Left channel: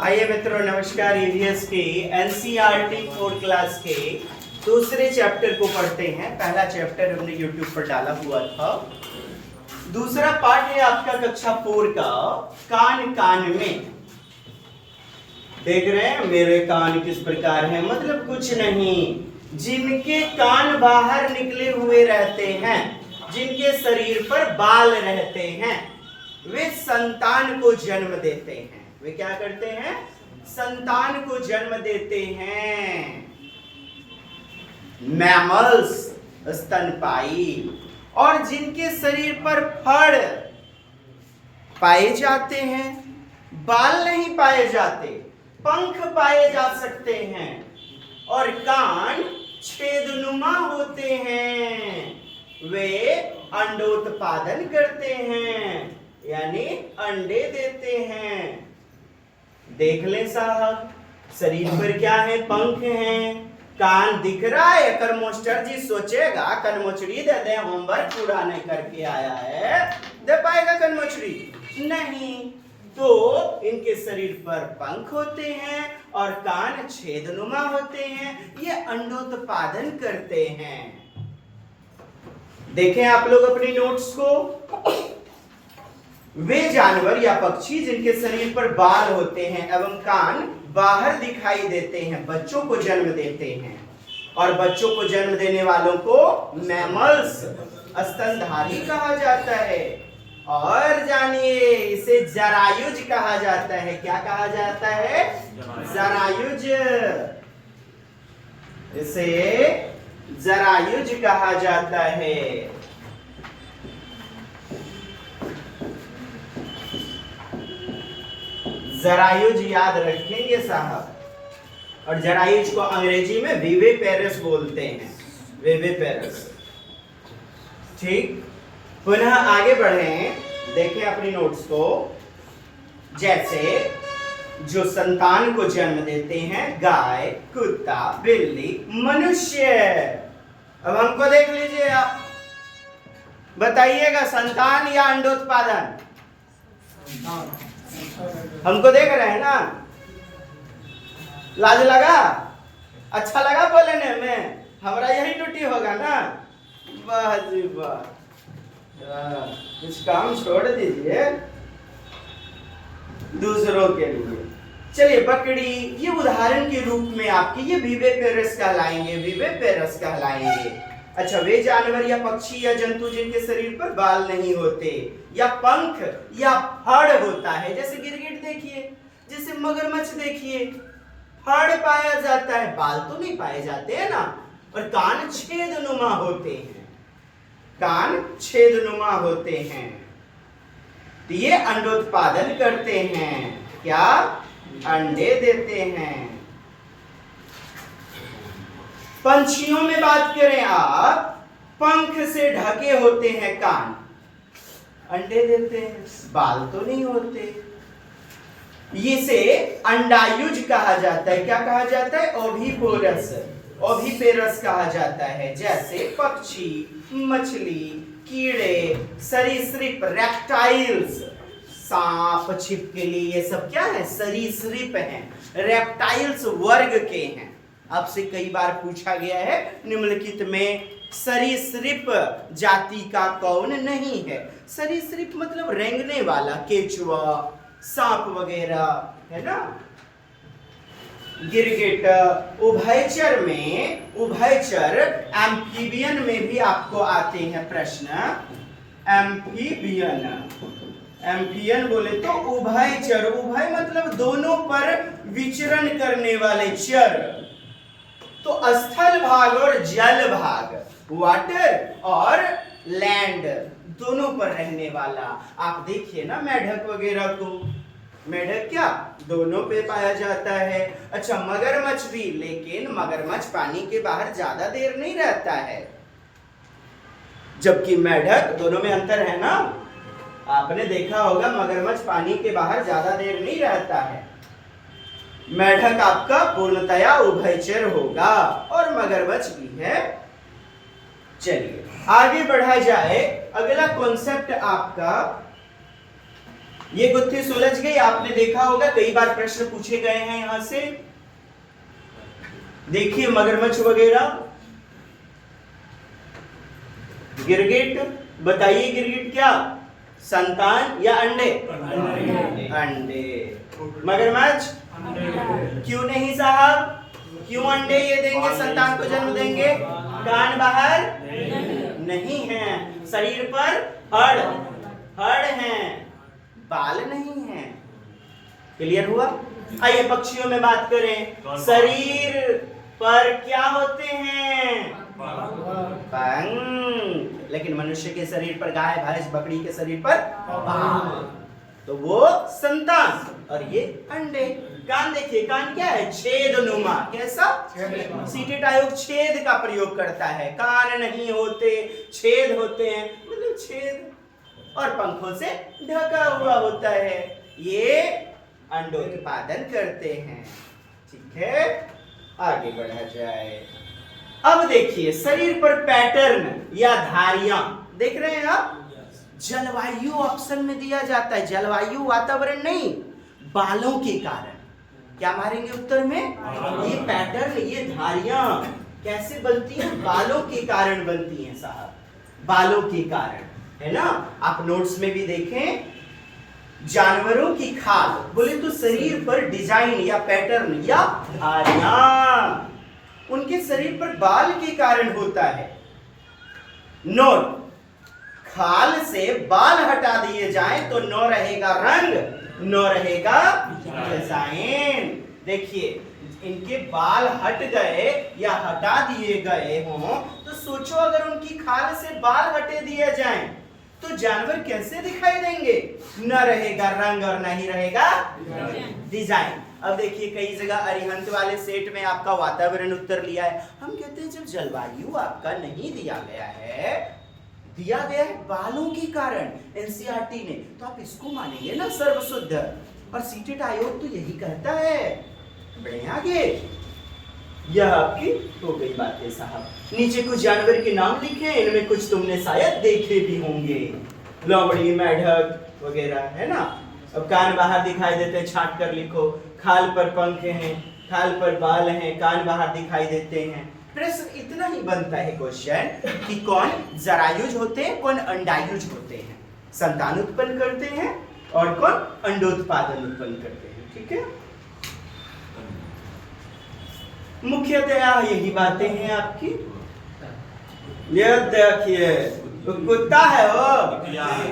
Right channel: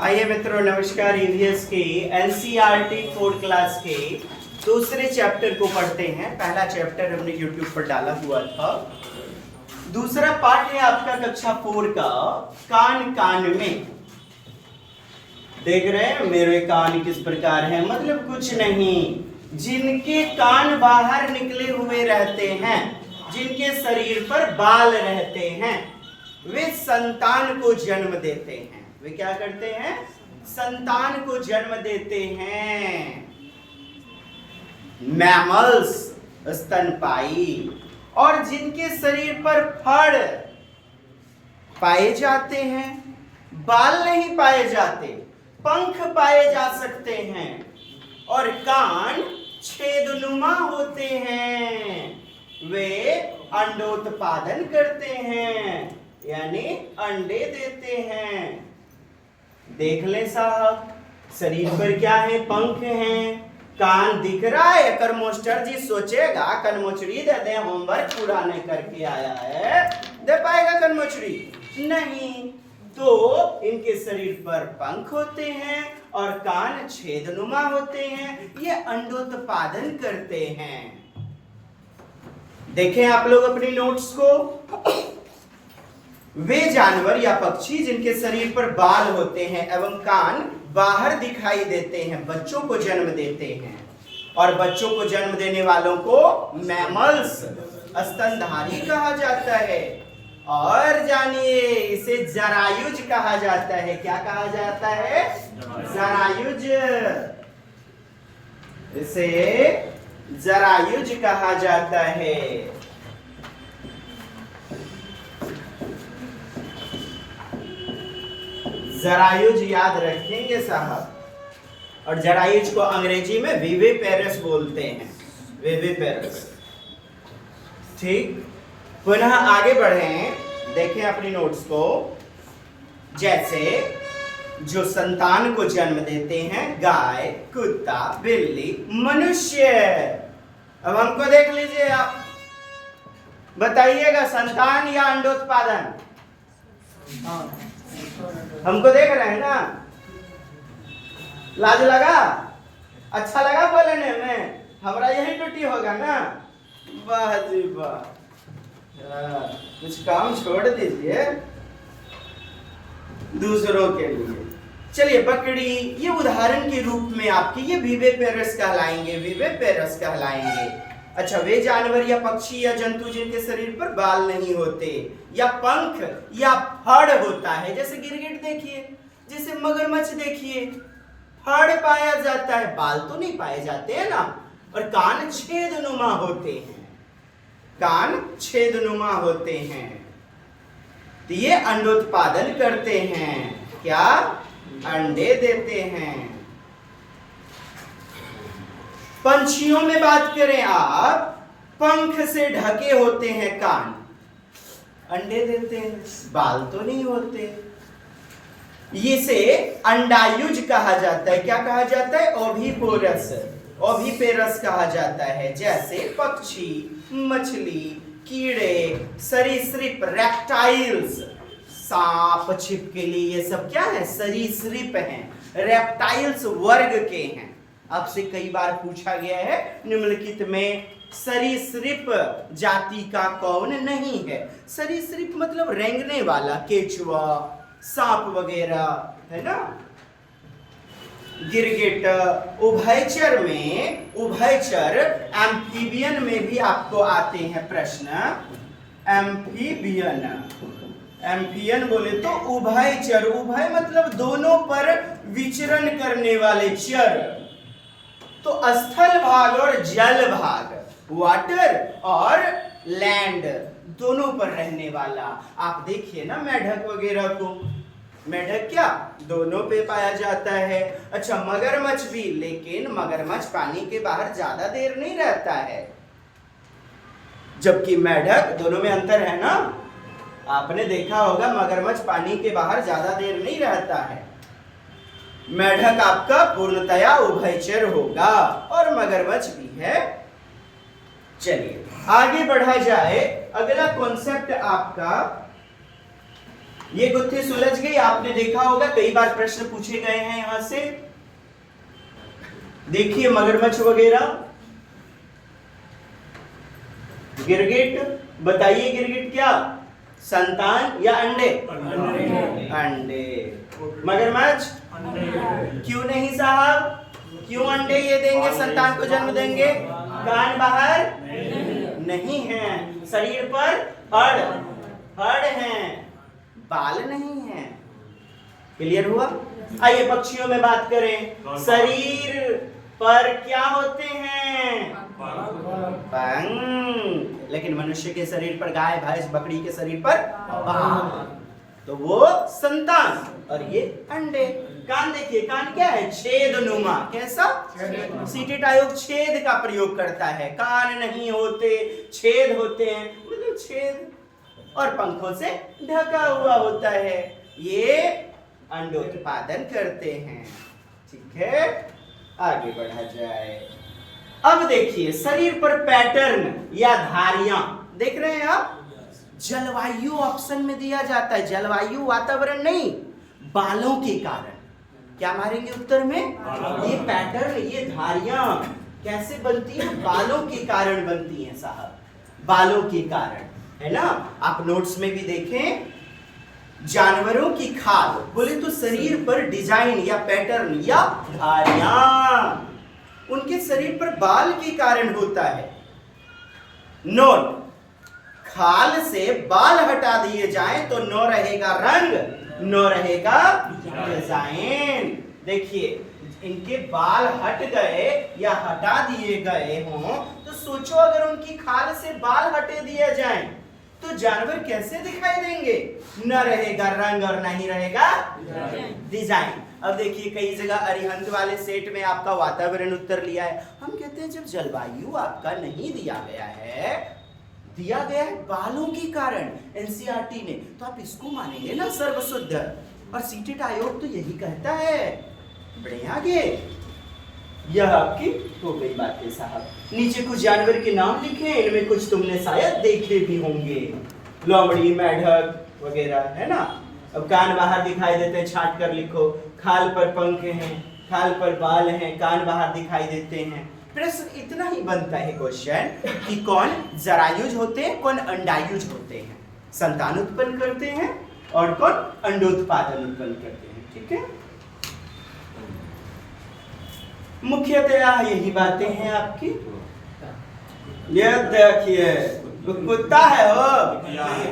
आइए मित्रों, नमस्कार। ईवीएस के एनसीईआरटी 4 क्लास के दूसरे चैप्टर को पढ़ते हैं। पहला चैप्टर हमने यूट्यूब पर डाला हुआ था। दूसरा पार्ट है आपका कक्षा 4 का कान कान में। देख रहे हैं मेरे कान किस प्रकार है, मतलब कुछ नहीं, जिनके कान बाहर निकले हुए रहते हैं, जिनके शरीर पर बाल रहते हैं, वे संतान को जन्म देते हैं। वे क्या करते हैं? संतान को जन्म देते हैं। मैमल्स, स्तनपायी। और जिनके शरीर पर फड़ पाए जाते हैं, बाल नहीं पाए जाते, पंख पाए जा सकते हैं, और कान छेदनुमा होते हैं, वे अंडोत्पादन करते हैं, यानी अंडे देते हैं। देख ले साहब, शरीर पर क्या है? पंख हैं, कान दिख रहा है। कर मास्टर जी सोचेगा कनमोचड़ी दे दे, होमवर्क पूरा नहीं करके आया है, दे पाएगा कनमोचड़ी? नहीं। तो इनके शरीर पर पंख होते हैं और कान छेदनुमा होते हैं, ये अंडोत्पादन करते हैं। देखें आप लोग अपनी नोट्स को। वे जानवर या पक्षी जिनके शरीर पर बाल होते हैं एवं कान बाहर दिखाई देते हैं, बच्चों को जन्म देते हैं, और बच्चों को जन्म देने वालों को मैमल्स, स्तनधारी कहा जाता है। और जानिए, इसे जरायुज कहा जाता है। क्या कहा जाता है? जरायुज। इसे जरायुज कहा जाता है। जरायुज याद रखेंगे साहब। और जरायुज को अंग्रेजी में विविपेरस बोलते हैं, विविपेरस। ठीक, पुनः आगे बढ़ें, देखें अपनी नोट्स को। जैसे जो संतान को जन्म देते हैं, गाय, कुत्ता, बिल्ली, मनुष्य। अब हमको देख लीजिए, आप बताइएगा संतान या अंडोत्पादन? हमको देख रहे हैं ना? लाज लगा? अच्छा लगा बोलने में? हमारा यही ड्यूटी होगा ना? वाह जी वाह। कुछ काम छोड़ दीजिए दूसरों के लिए। चलिए, बकरी, ये उदाहरण के रूप में आपके ये विविपेरस कहलाएंगे, विविपेरस कहलाएंगे। अच्छा, वे जानवर या पक्षी या जंतु जिनके शरीर पर बाल नहीं होते या पंख या फड़ होता है, जैसे गिरगिट देखिए, जैसे मगरमच्छ देखिए, फड़ पाया जाता है, बाल तो नहीं पाए जाते हैं ना। और कान छेदनुमा होते हैं, कान छेदनुमा होते हैं, तो ये अंडोत्पादन करते हैं। क्या? अंडे देते हैं। पंछियों में बात करें आप, पंख से ढके होते हैं कान, अंडे देते हैं, बाल तो नहीं होते। इसे अंडायुज कहा जाता है। क्या कहा जाता है? ओविपोरस, ओविपेरस कहा जाता है। जैसे पक्षी, मछली, कीड़े, सरीसृप, रेप्टाइल्स, सांप, छिपकली, ये सब क्या है? सरीसृप हैं, रेप्टाइल्स वर्ग के हैं। आपसे कई बार पूछा गया है निम्नलिखित में सरीसृप जाति का कौन नहीं है? सरीसृप मतलब रेंगने वाला, केचुआ, सांप वगैरह, है ना? गिरगिट। उभयचर में, उभयचर एम्फीबियन में भी आपको आते हैं प्रश्न। एम्फीबियन, एम्फियन बोले तो उभयचर, उभय मतलब दोनों पर विचरण करने वाले चर। तो स्थल भाग और जल भाग, वाटर और लैंड, दोनों पर रहने वाला। आप देखिए ना मेढक वगैरह को, मेढक क्या दोनों पे पाया जाता है। अच्छा, मगरमच्छ भी, लेकिन मगरमच्छ पानी के बाहर ज्यादा देर नहीं रहता है, जबकि मेढक, दोनों में अंतर है ना? आपने देखा होगा मगरमच्छ पानी के बाहर ज्यादा देर नहीं रहता है। मेढक आपका पूर्णतया उभयचर होगा और मगरमच्छ भी है। चलिए आगे बढ़ा जाए। अगला कॉन्सेप्ट आपका ये गुत्थी सुलझ गई। आपने देखा होगा कई बार प्रश्न पूछे गए हैं यहां से। देखिए मगरमच्छ वगैरह, गिरगिट, बताइए गिरगिट क्या संतान या अंडे? अंडे। मगरमच्छ क्यों नहीं साहब, क्यों अंडे ये देंगे, संतान को जन्म देंगे? कान बाहर नहीं है, शरीर पर हड़ हैं, बाल नहीं है। क्लियर हुआ? आइए पक्षियों में बात करें। शरीर पर क्या होते हैं? पंख। लेकिन मनुष्य के शरीर पर, गाय भैंस बकरी के शरीर पर बाल, तो वो संतान और ये अंडे। कान देखिए, कान क्या है? छेदनुमा। कैसा? सीटेट आयोग छेद का प्रयोग करता है। कान नहीं होते, छेद होते हैं, मतलब छेद, और पंखों से ढका हुआ होता है। ये अंडोत्पादन करते हैं। ठीक है, आगे बढ़ा जाए। अब देखिए शरीर पर पैटर्न या धारियां देख रहे हैं आप। जलवायु ऑप्शन में दिया जाता है, जलवायु वातावरण नहीं, बालों के कारण। क्या मारेंगे उत्तर में? ये पैटर्न, ये धारियां कैसे बनती हैं? बालों के कारण बनती हैं साहब, बालों के कारण, है ना। आप नोट्स में भी देखें, जानवरों की खाल बोले तो शरीर पर डिजाइन या पैटर्न या धारियां उनके शरीर पर बाल के कारण होता है। नोट, खाल से बाल हटा दिए जाएं तो न रहेगा रंग, न रहेगा डिजाइन। देखिए इनके बाल हट गए या हटा दिए गए हों तो सोचो अगर उनकी खाल से बाल हटे दिए जाएं तो जानवर कैसे दिखाई देंगे? न रहेगा रंग और न ही रहेगा डिजाइन। अब देखिए कई जगह अरिहंत वाले सेट में आपका वातावरण उत्तर लिया है। हम कहते हैं जब जलवायु आपका नहीं दिया गया है, दिया गया है बालों के कारण एनसीईआरटी ने, तो आप इसको मानेंगे ना सर्वशुद्ध। और सीटेट आयोग तो यही कहता है। बढ़े आगे, यह आपकी हो गई बातें साहब। नीचे कुछ जानवर के नाम लिखे, इनमें कुछ तुमने शायद देखे भी होंगे, लोमड़ी, मेढक वगैरह, है ना। अब कान बाहर दिखाई देते हैं, छाट कर लिखो। खाल पर पंख हैं, खाल पर बाल हैं, कान बाहर दिखाई देते हैं। प्रश्न इतना ही बनता है क्वेश्चन कि कौन जरायुज होते हैं, कौन अंडायुज होते हैं, संतान उत्पन्न करते हैं, और कौन अंडोत्पादन उत्पन्न करते हैं। ठीक है, मुख्यतः यही बातें हैं आपकी। ये देखिए कुत्ता है वो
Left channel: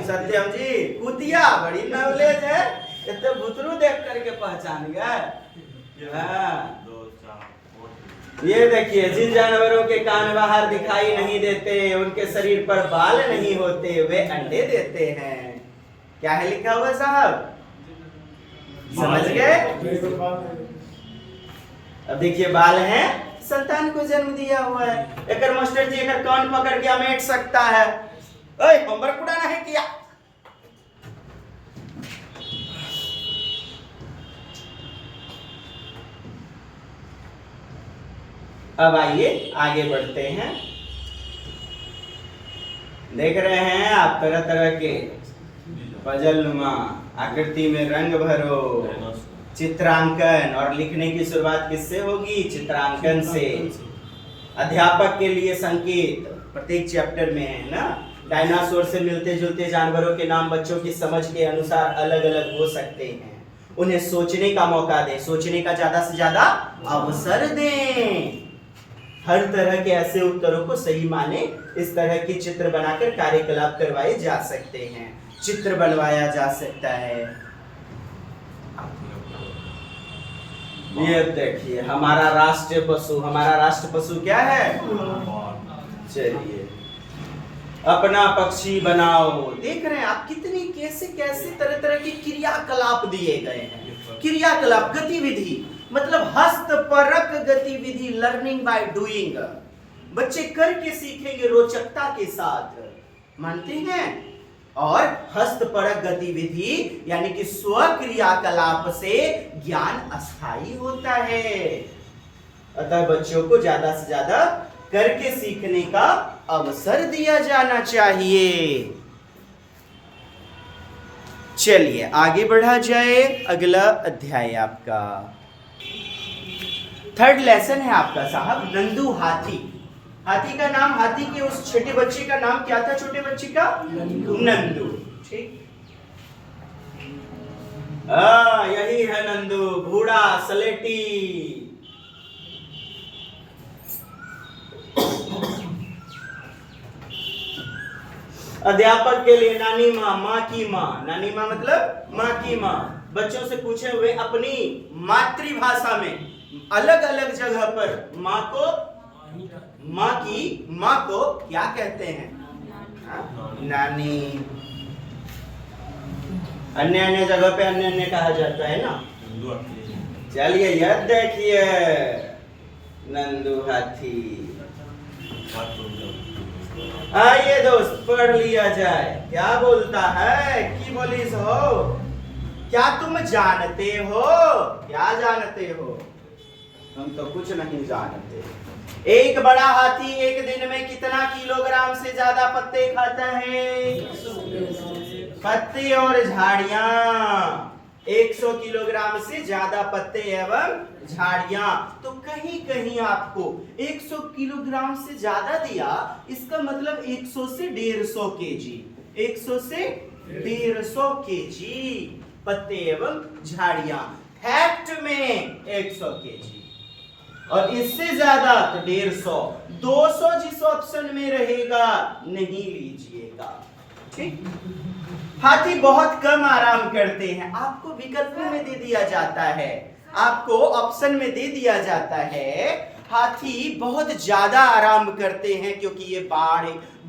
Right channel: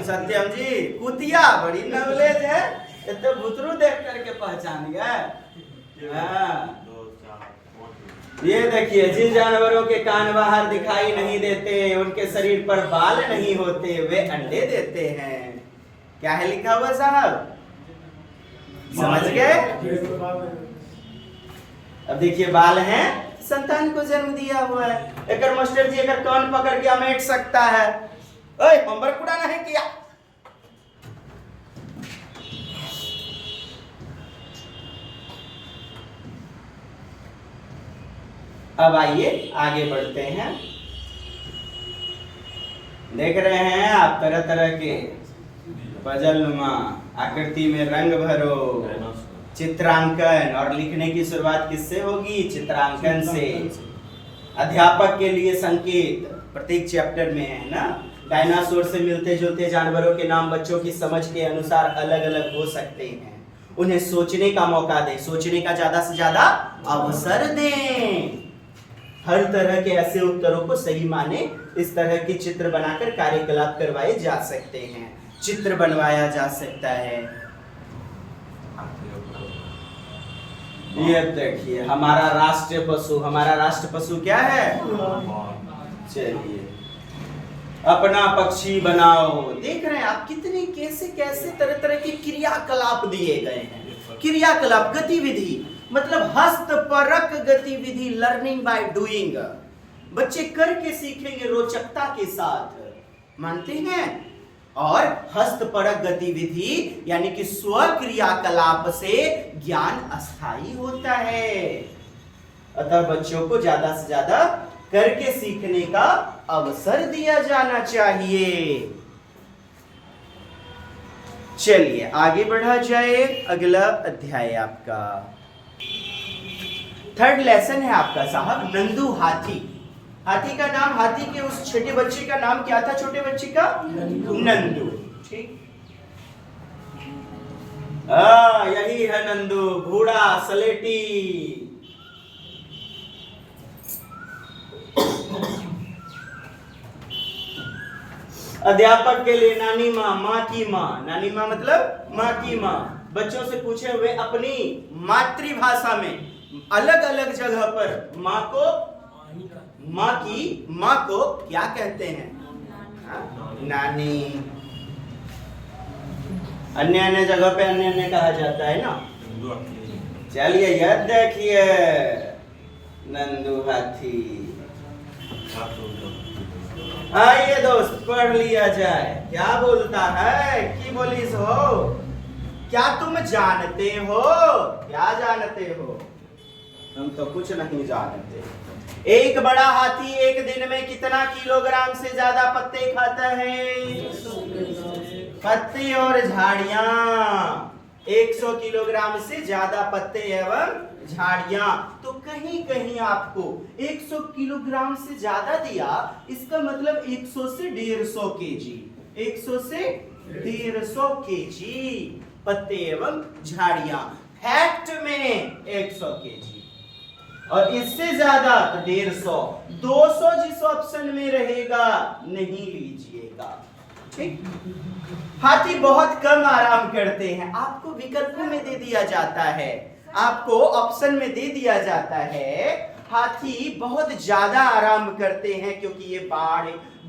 सत्यम जी, कुतिया, बड़ी नॉलेज है। इतने बुतरू देख करके पहचान गए। हाँ, ये देखिए जिन जानवरों के कान बाहर दिखाई नहीं देते, उनके शरीर पर बाल नहीं होते, वे अंडे देते हैं। क्या है लिखा हुआ साहब, समझ गए? अब देखिए बाल हैं, संतान को जन्म दिया हुआ है। एक मास्टर जी अगर कान पकड़ के अमेट सकता है, ओए होमवर्क पूरा नहीं किया। अब आइए आगे बढ़ते हैं। देख रहे हैं आप तरह तरह के पजलनुमा आकृति में रंग भरो, चित्रांकन, और लिखने की शुरुआत किससे होगी? चित्रांकन से। अध्यापक के लिए संकेत प्रत्येक चैप्टर में है ना। डायनासोर से मिलते जुलते जानवरों के नाम बच्चों की समझ के अनुसार अलग अलग हो सकते हैं। उन्हें सोचने का मौका दें, सोचने का ज्यादा से ज्यादा अवसर दें। हर तरह के ऐसे उत्तरों को सही माने, इस तरह के चित्र बनाकर कार्यकलाप करवाए जा सकते हैं, चित्र बनवाया जा सकता है। ये देखिए हमारा राष्ट्रीय पशु, हमारा राष्ट्र पशु क्या है? चलिए अपना पक्षी बनाओ। देख रहे हैं आप कितने कैसे कैसे तरह तरह के क्रियाकलाप दिए गए हैं। क्रियाकलाप, गतिविधि, मतलब हस्तपरक गतिविधि, लर्निंग बाय डूइंग। बच्चे करके सीखेंगे रोचकता के साथ, मानते हैं। और हस्तपरक गतिविधि यानी कि स्व क्रियाकलाप से ज्ञान अस्थायी होता है। अतः बच्चों को ज्यादा से ज्यादा करके सीखने का अवसर दिया जाना चाहिए। चलिए आगे बढ़ा जाए। अगला अध्याय आपका 3rd लेसन है आपका साहब, नंदू हाथी। हाथी का नाम, हाथी के उस छोटे बच्चे का नाम क्या था? छोटे बच्चे का नंदू। ठीक, यही है नंदू, बूढ़ा सलेटी। अध्यापक के लिए नानी माँ, माँ की माँ। नानी माँ मतलब माँ की माँ। बच्चों से पूछे हुए अपनी मातृभाषा में अलग अलग जगह पर माँ को, माँ की माँ को क्या कहते हैं? नानी। अन्य अन्य जगह पे अन्य अन्य कहा जाता है ना। चलिए यह देखिए नंदू हाथी। आइए दोस्त पढ़ लिया जाए। क्या बोलता है कि बोलिस हो? क्या तुम जानते हो? क्या जानते हो? हम तो कुछ नहीं जानते। एक बड़ा हाथी एक दिन में कितना किलोग्राम से ज्यादा पत्ते खाता है? पत्ते और झाड़ियां 100 किलोग्राम से ज्यादा पत्ते एवं झाड़ियां। तो कहीं कहीं आपको 100 किलोग्राम से ज्यादा दिया, इसका मतलब 100 से 150 केजी, 100 से 150 केजी पत्ते एवं झाड़ियां। फैक्ट में 100 केजी और इससे ज्यादा तो 150। 200 जिस ऑप्शन में रहेगा नहीं लीजिएगा। ठीक, हाथी बहुत कम आराम करते हैं। आपको विकल्प में दे दिया जाता है, आपको ऑप्शन में दे दिया जाता है हाथी बहुत ज्यादा आराम करते हैं क्योंकि ये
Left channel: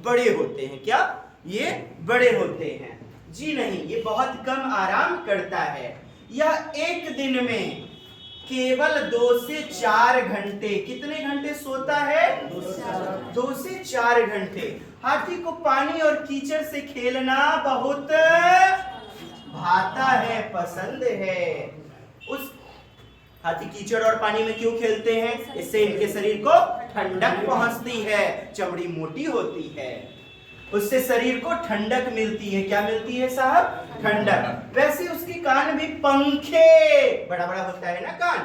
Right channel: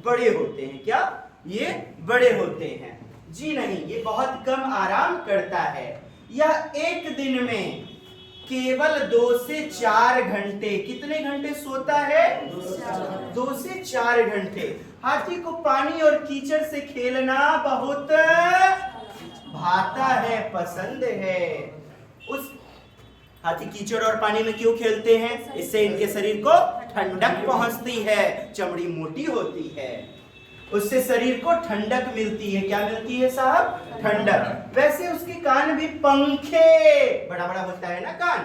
बड़े होते हैं। क्या ये बड़े होते हैं? जी नहीं, ये बहुत कम आराम करता है। यह एक दिन में केवल 2 से 4 घंटे, कितने घंटे सोता है? 2 से 4 घंटे। हाथी को पानी और कीचड़ से खेलना बहुत भाता है, पसंद है। उस हाथी कीचड़ और पानी में क्यों खेलते हैं? इससे इनके शरीर को ठंडक पहुंचती है, चमड़ी मोटी होती है, उससे शरीर को ठंडक मिलती है। क्या मिलती है साहब? ठंडक। वैसे उसके कान भी पंखे, बड़ा बड़ा होता है ना कान,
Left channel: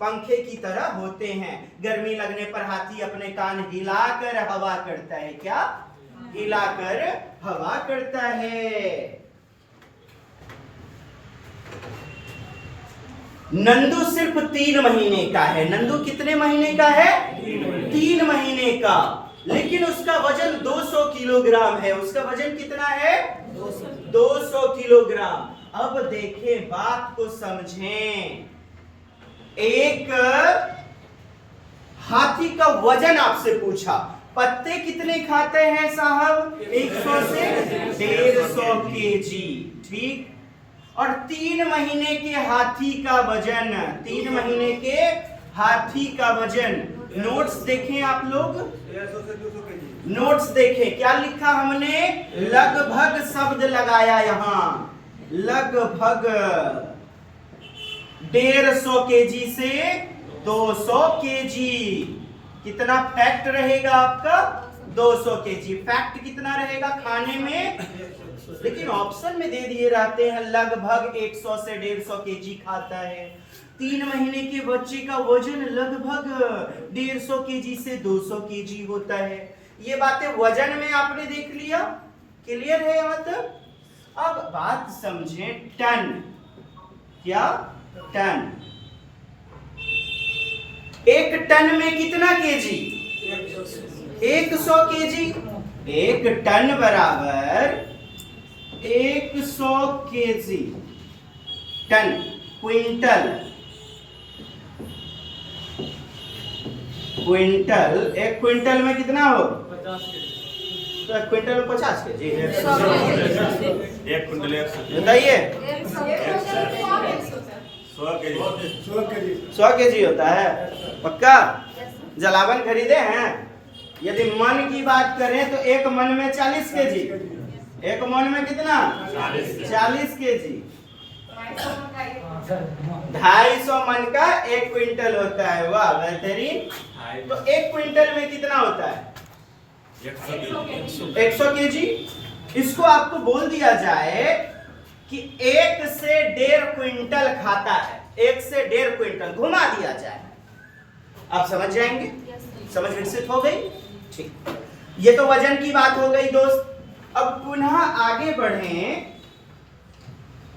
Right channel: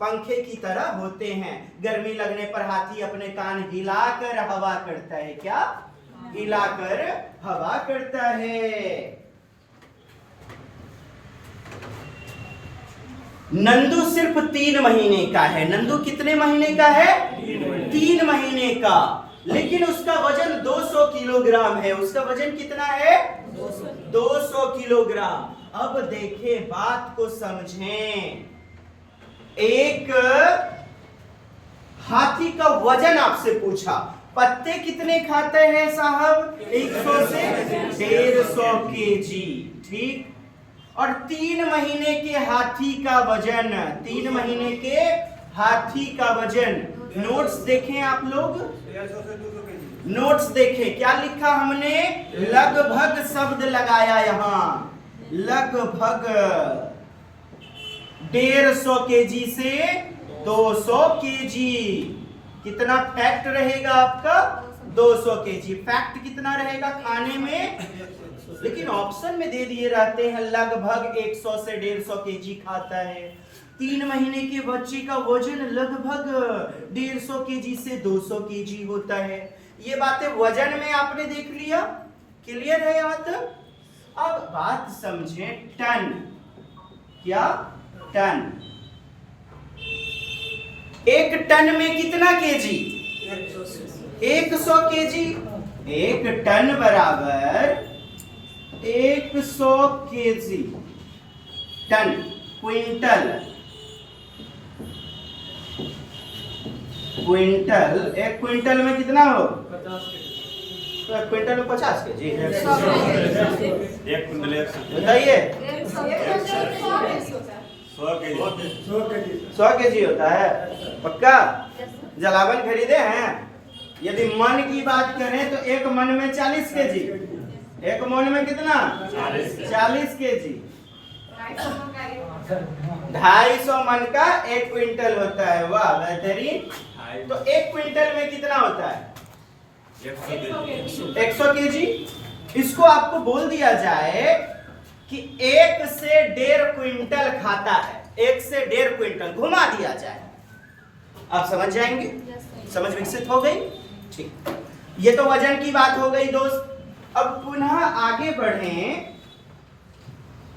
पंखे की तरह होते हैं। गर्मी लगने पर हाथी अपने कान हिलाकर हवा करता है। क्या? हिलाकर हवा करता है। नंदू सिर्फ 3 महीने का है। नंदू कितने महीने का है? 3 महीने का। लेकिन उसका वजन 200 किलोग्राम है। उसका वजन कितना है? 200 किलोग्राम। अब देखें, बात को समझें। एक हाथी का वजन आपसे पूछा, पत्ते कितने खाते हैं साहब? 100 से 150 केजी। ठीक, और 3 महीने के हाथी का वजन, 3 महीने के हाथी का वजन। नोट्स देखें आप लोग, नोट्स देखें क्या लिखा हमने? लगभग शब्द लगाया यहां, लगभग 150 केजी से 200 केजी। कितना फैक्ट रहेगा आपका? 200 केजी। फैक्ट कितना रहेगा खाने में? लेकिन ऑप्शन में दे दिए रहते हैं लगभग 100 से 150 केजी खाता है। 3 महीने के बच्चे का वजन लगभग 150 केजी से 200 केजी होता है। ये बातें वजन में आपने देख लिया। क्लियर है यहां तक? अब बात समझें, टन। क्या? टन। 1 टन में कितना केजी? 100 केजी। 1 टन बराबर 100 kg. Ton, quintal. Quintal, 1 quintal में कितना हो? 50। तो क्विंटल में 50 केजी। 1 क्विंटल बताइए। 100 केजी होता है। पक्का? जलावन खरीदे हैं? यदि मन की बात करें तो 1 मन में 40 केजी। 1 मन में कितना? 40 केजी। 250 मन का 1 क्विंटल होता है। वाह बेहतरीन। तो 1 क्विंटल में कितना होता है? 100 केजी। इसको आपको बोल दिया जाए कि 1 से 1.5 क्विंटल खाता है, 1 से 1.5 क्विंटल घुमा दिया जाए। आप समझ जाएंगे? समझ विकसित हो गई? ठीक, ये तो वजन की बात हो गई दोस्त। अब पुनः आगे बढ़ें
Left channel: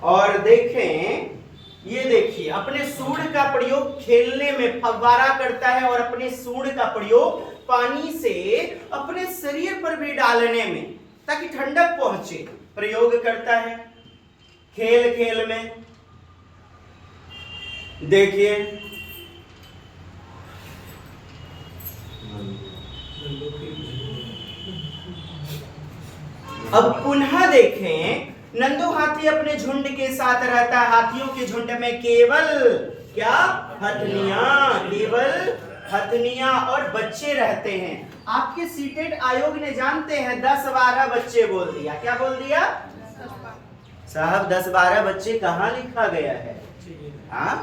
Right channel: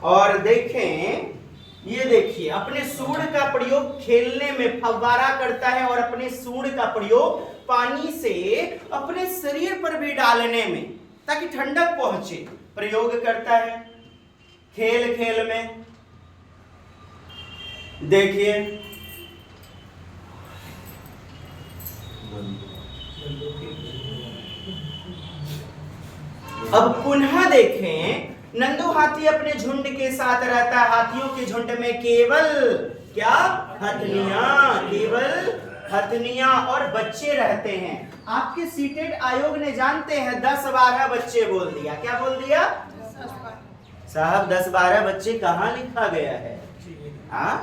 और देखें, ये देखिए अपने सूंड का प्रयोग खेलने में फव्वारा करता है और अपने सूंड का प्रयोग पानी से अपने शरीर पर भी डालने में ताकि ठंडक पहुंचे प्रयोग करता है खेल खेल में। देखिए अब पुनः देखें, नंदू हाथी अपने झुंड के साथ रहता है। हाथियों के झुंड में केवल क्या हथनियां, केवल हथनियां और बच्चे रहते हैं। आपके सीटेट आयोग ने जानते हैं 10-12 बच्चे बोल दिया। क्या बोल दिया साहब? 10-12 बच्चे कहाँ लिखा गया है? हाँ,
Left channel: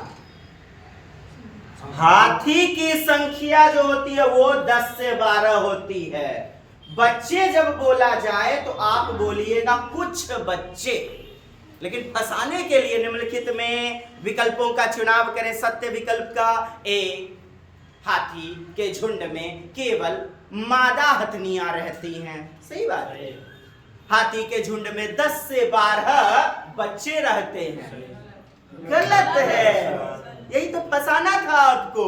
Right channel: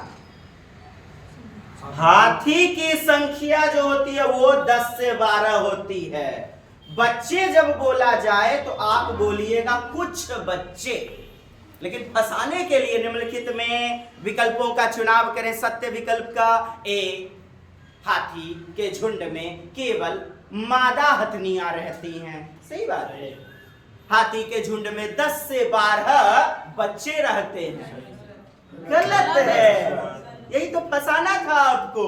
हाथी की संख्या जो होती है वो 10 से 12 होती है। बच्चे जब बोला जाए तो आप बोलिएगा कुछ बच्चे, लेकिन फंसाने के लिए निम्नलिखित में विकल्पों का चुनाव करें। सत्य विकल्प का ए, हाथी के झुंड में केवल मादा हथनियां रहती हैं। सही बात है, हाथी के झुंड में 10 से 12 बच्चे रहते हैं। गलत है, यही तो फंसाना था आपको।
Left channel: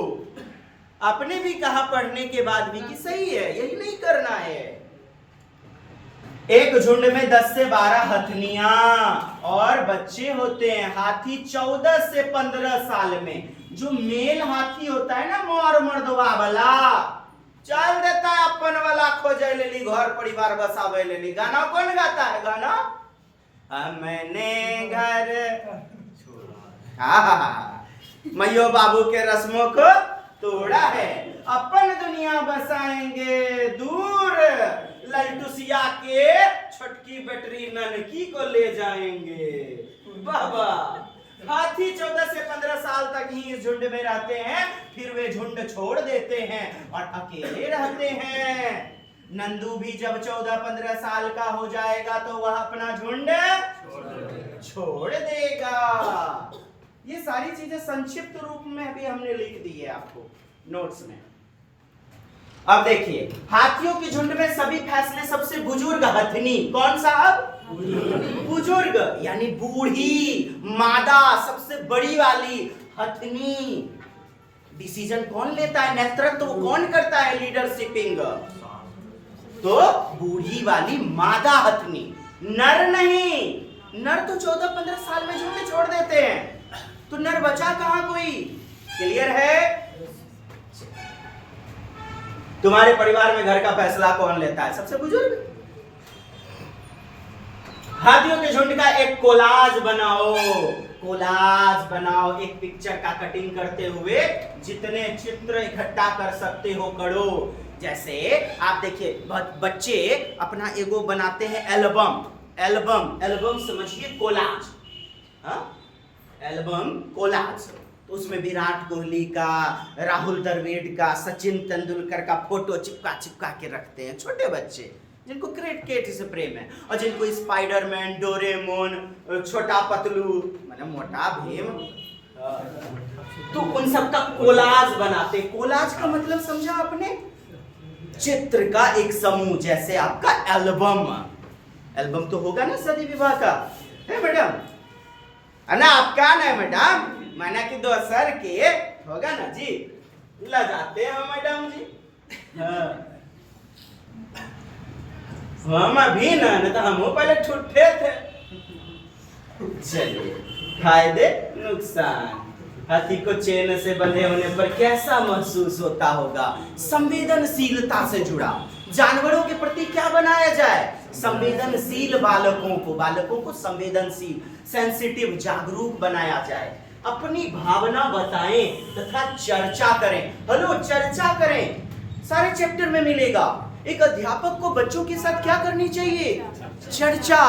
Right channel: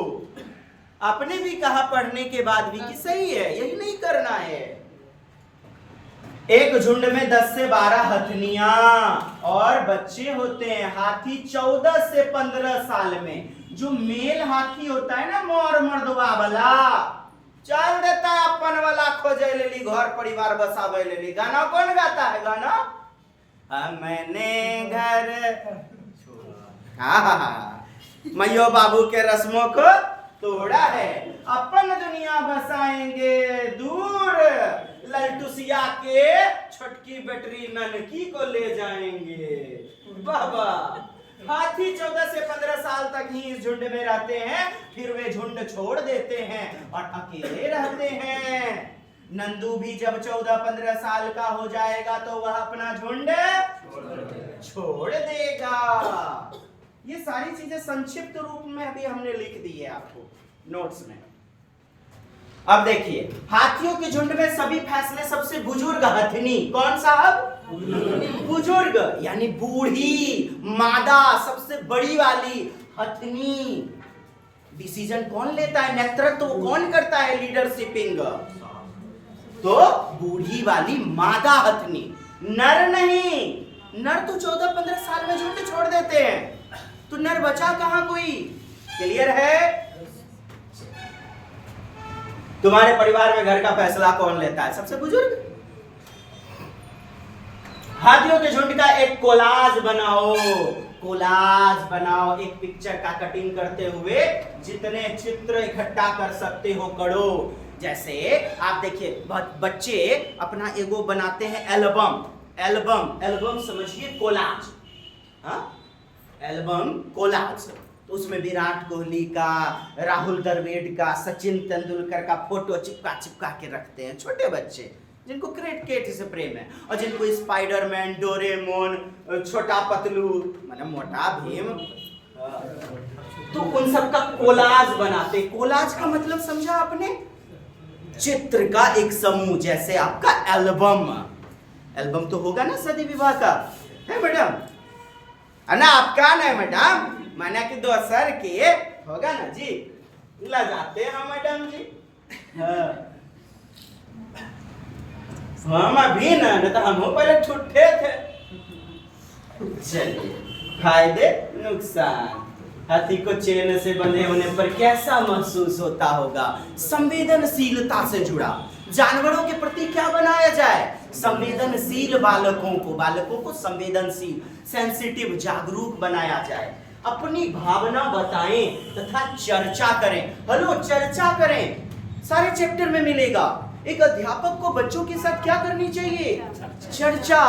आपने भी कहा पढ़ने के बाद भी कि सही है, यही नहीं करना है। एक झुंड में 10 से 12 हथनियां और बच्चे होते हैं। हाथी 14 से 15 साल में जो मेल हाथी होता है ना, मोर मर्दवा वाला, चल देता अपन वाला खोजे लेली, घर परिवार बसावे लेली। गाना कौन गाता है? गाना हमने घर, हाँ, मैयो बाबू के रस्मों को तोड़ा है, अपन दुनिया बसाएंगे दूर, ललटुसिया के छोटकी बेटरी ननकी को ले जाएंगे। बाबा, हाथी 14 से 15 साल तक ही इस झुंड में रहते हैं, फिर वे झुंड छोड़ देते हैं और अकेले रहते हैं। नंदू भी जब 14-15 साल का हो जाएगा तो वह अपना झुंड छोड़ देगा। ये सारी चीजें संक्षिप्त रूप में अभी हमने लिख दी है आपको नोट्स में। अब देखिए, हाथियों के झुंड में सभी फैसले सबसे बुजुर्ग हथनी, कौन साहब? बुजुर्ग यानी बूढ़ी मादा, सबसे बड़ी वाली हथनी डिसीजन कौन लेता है? नेतृत्व तो कौन करता है? लीडरशिपिंग तो बूढ़ी वाली मादा हथनी, नर नहीं। नर तो 14-15 साल में झुंड छोड़ देते हैं, तो नर बचा कहां कोई? क्लियर है? तुम्हारे परिवार में घर का फैसला कौन लेता है? सबसे बुजुर्ग। हाथियों के झुंड का एक कोलाज बनाओ, कोलाज बनाओ। एक पिक्चर का कटिंग करते हुए जितने चित्र इकट्ठा कर सकते हो करो। जैसे आप देखिए, बच्चे अपना एगो बनाते हैं एल्बम। एल्बम, एल्बम समझिए कोलाज। हाँ, एल्बम कोलाज। तो उसमें विराट कोहली का, राहुल द्रविड़ का, सचिन तेंदुलकर का फोटो चिपका चिपका के रखते हैं छोटे बच्चे, जिनको क्रिकेट से प्रेम है, और जिनको स्पाइडरमैन, डोरेमोन, छोटा पतलू मतलब मोटा भीम, तो उन सब का कोलाज बनाते। कोलाज का मतलब समझा आपने? चित्र का एक समूह, जैसे आपका एल्बम। एल्बम तो होगा ना शादी विवाह का, है मैडम? है ना? आपका ना मैडम, माना कि दोसर के होगा ना जी, ला जाते हैं मैडम जी। हम अभी ना तो हम पहले ठुठे थे। चलिए, फायदे नुकसान। हाथी को चेन से बंधे होने पर कैसा महसूस होता होगा? संवेदनशीलता से जुड़ा। जानवरों के प्रति क्या बनाया जाए? संवेदनशील बालकों को संवेदनशील, सेंसिटिव, जागरूक बनाया जाए। अपनी भावना बताएं तथा चर्चा करें। हेलो, चर्चा करें, सारे चैप्टर में मिलेगा। एक अध्यापक को बच्चों के साथ क्या करनी चाहिए? चर्चा,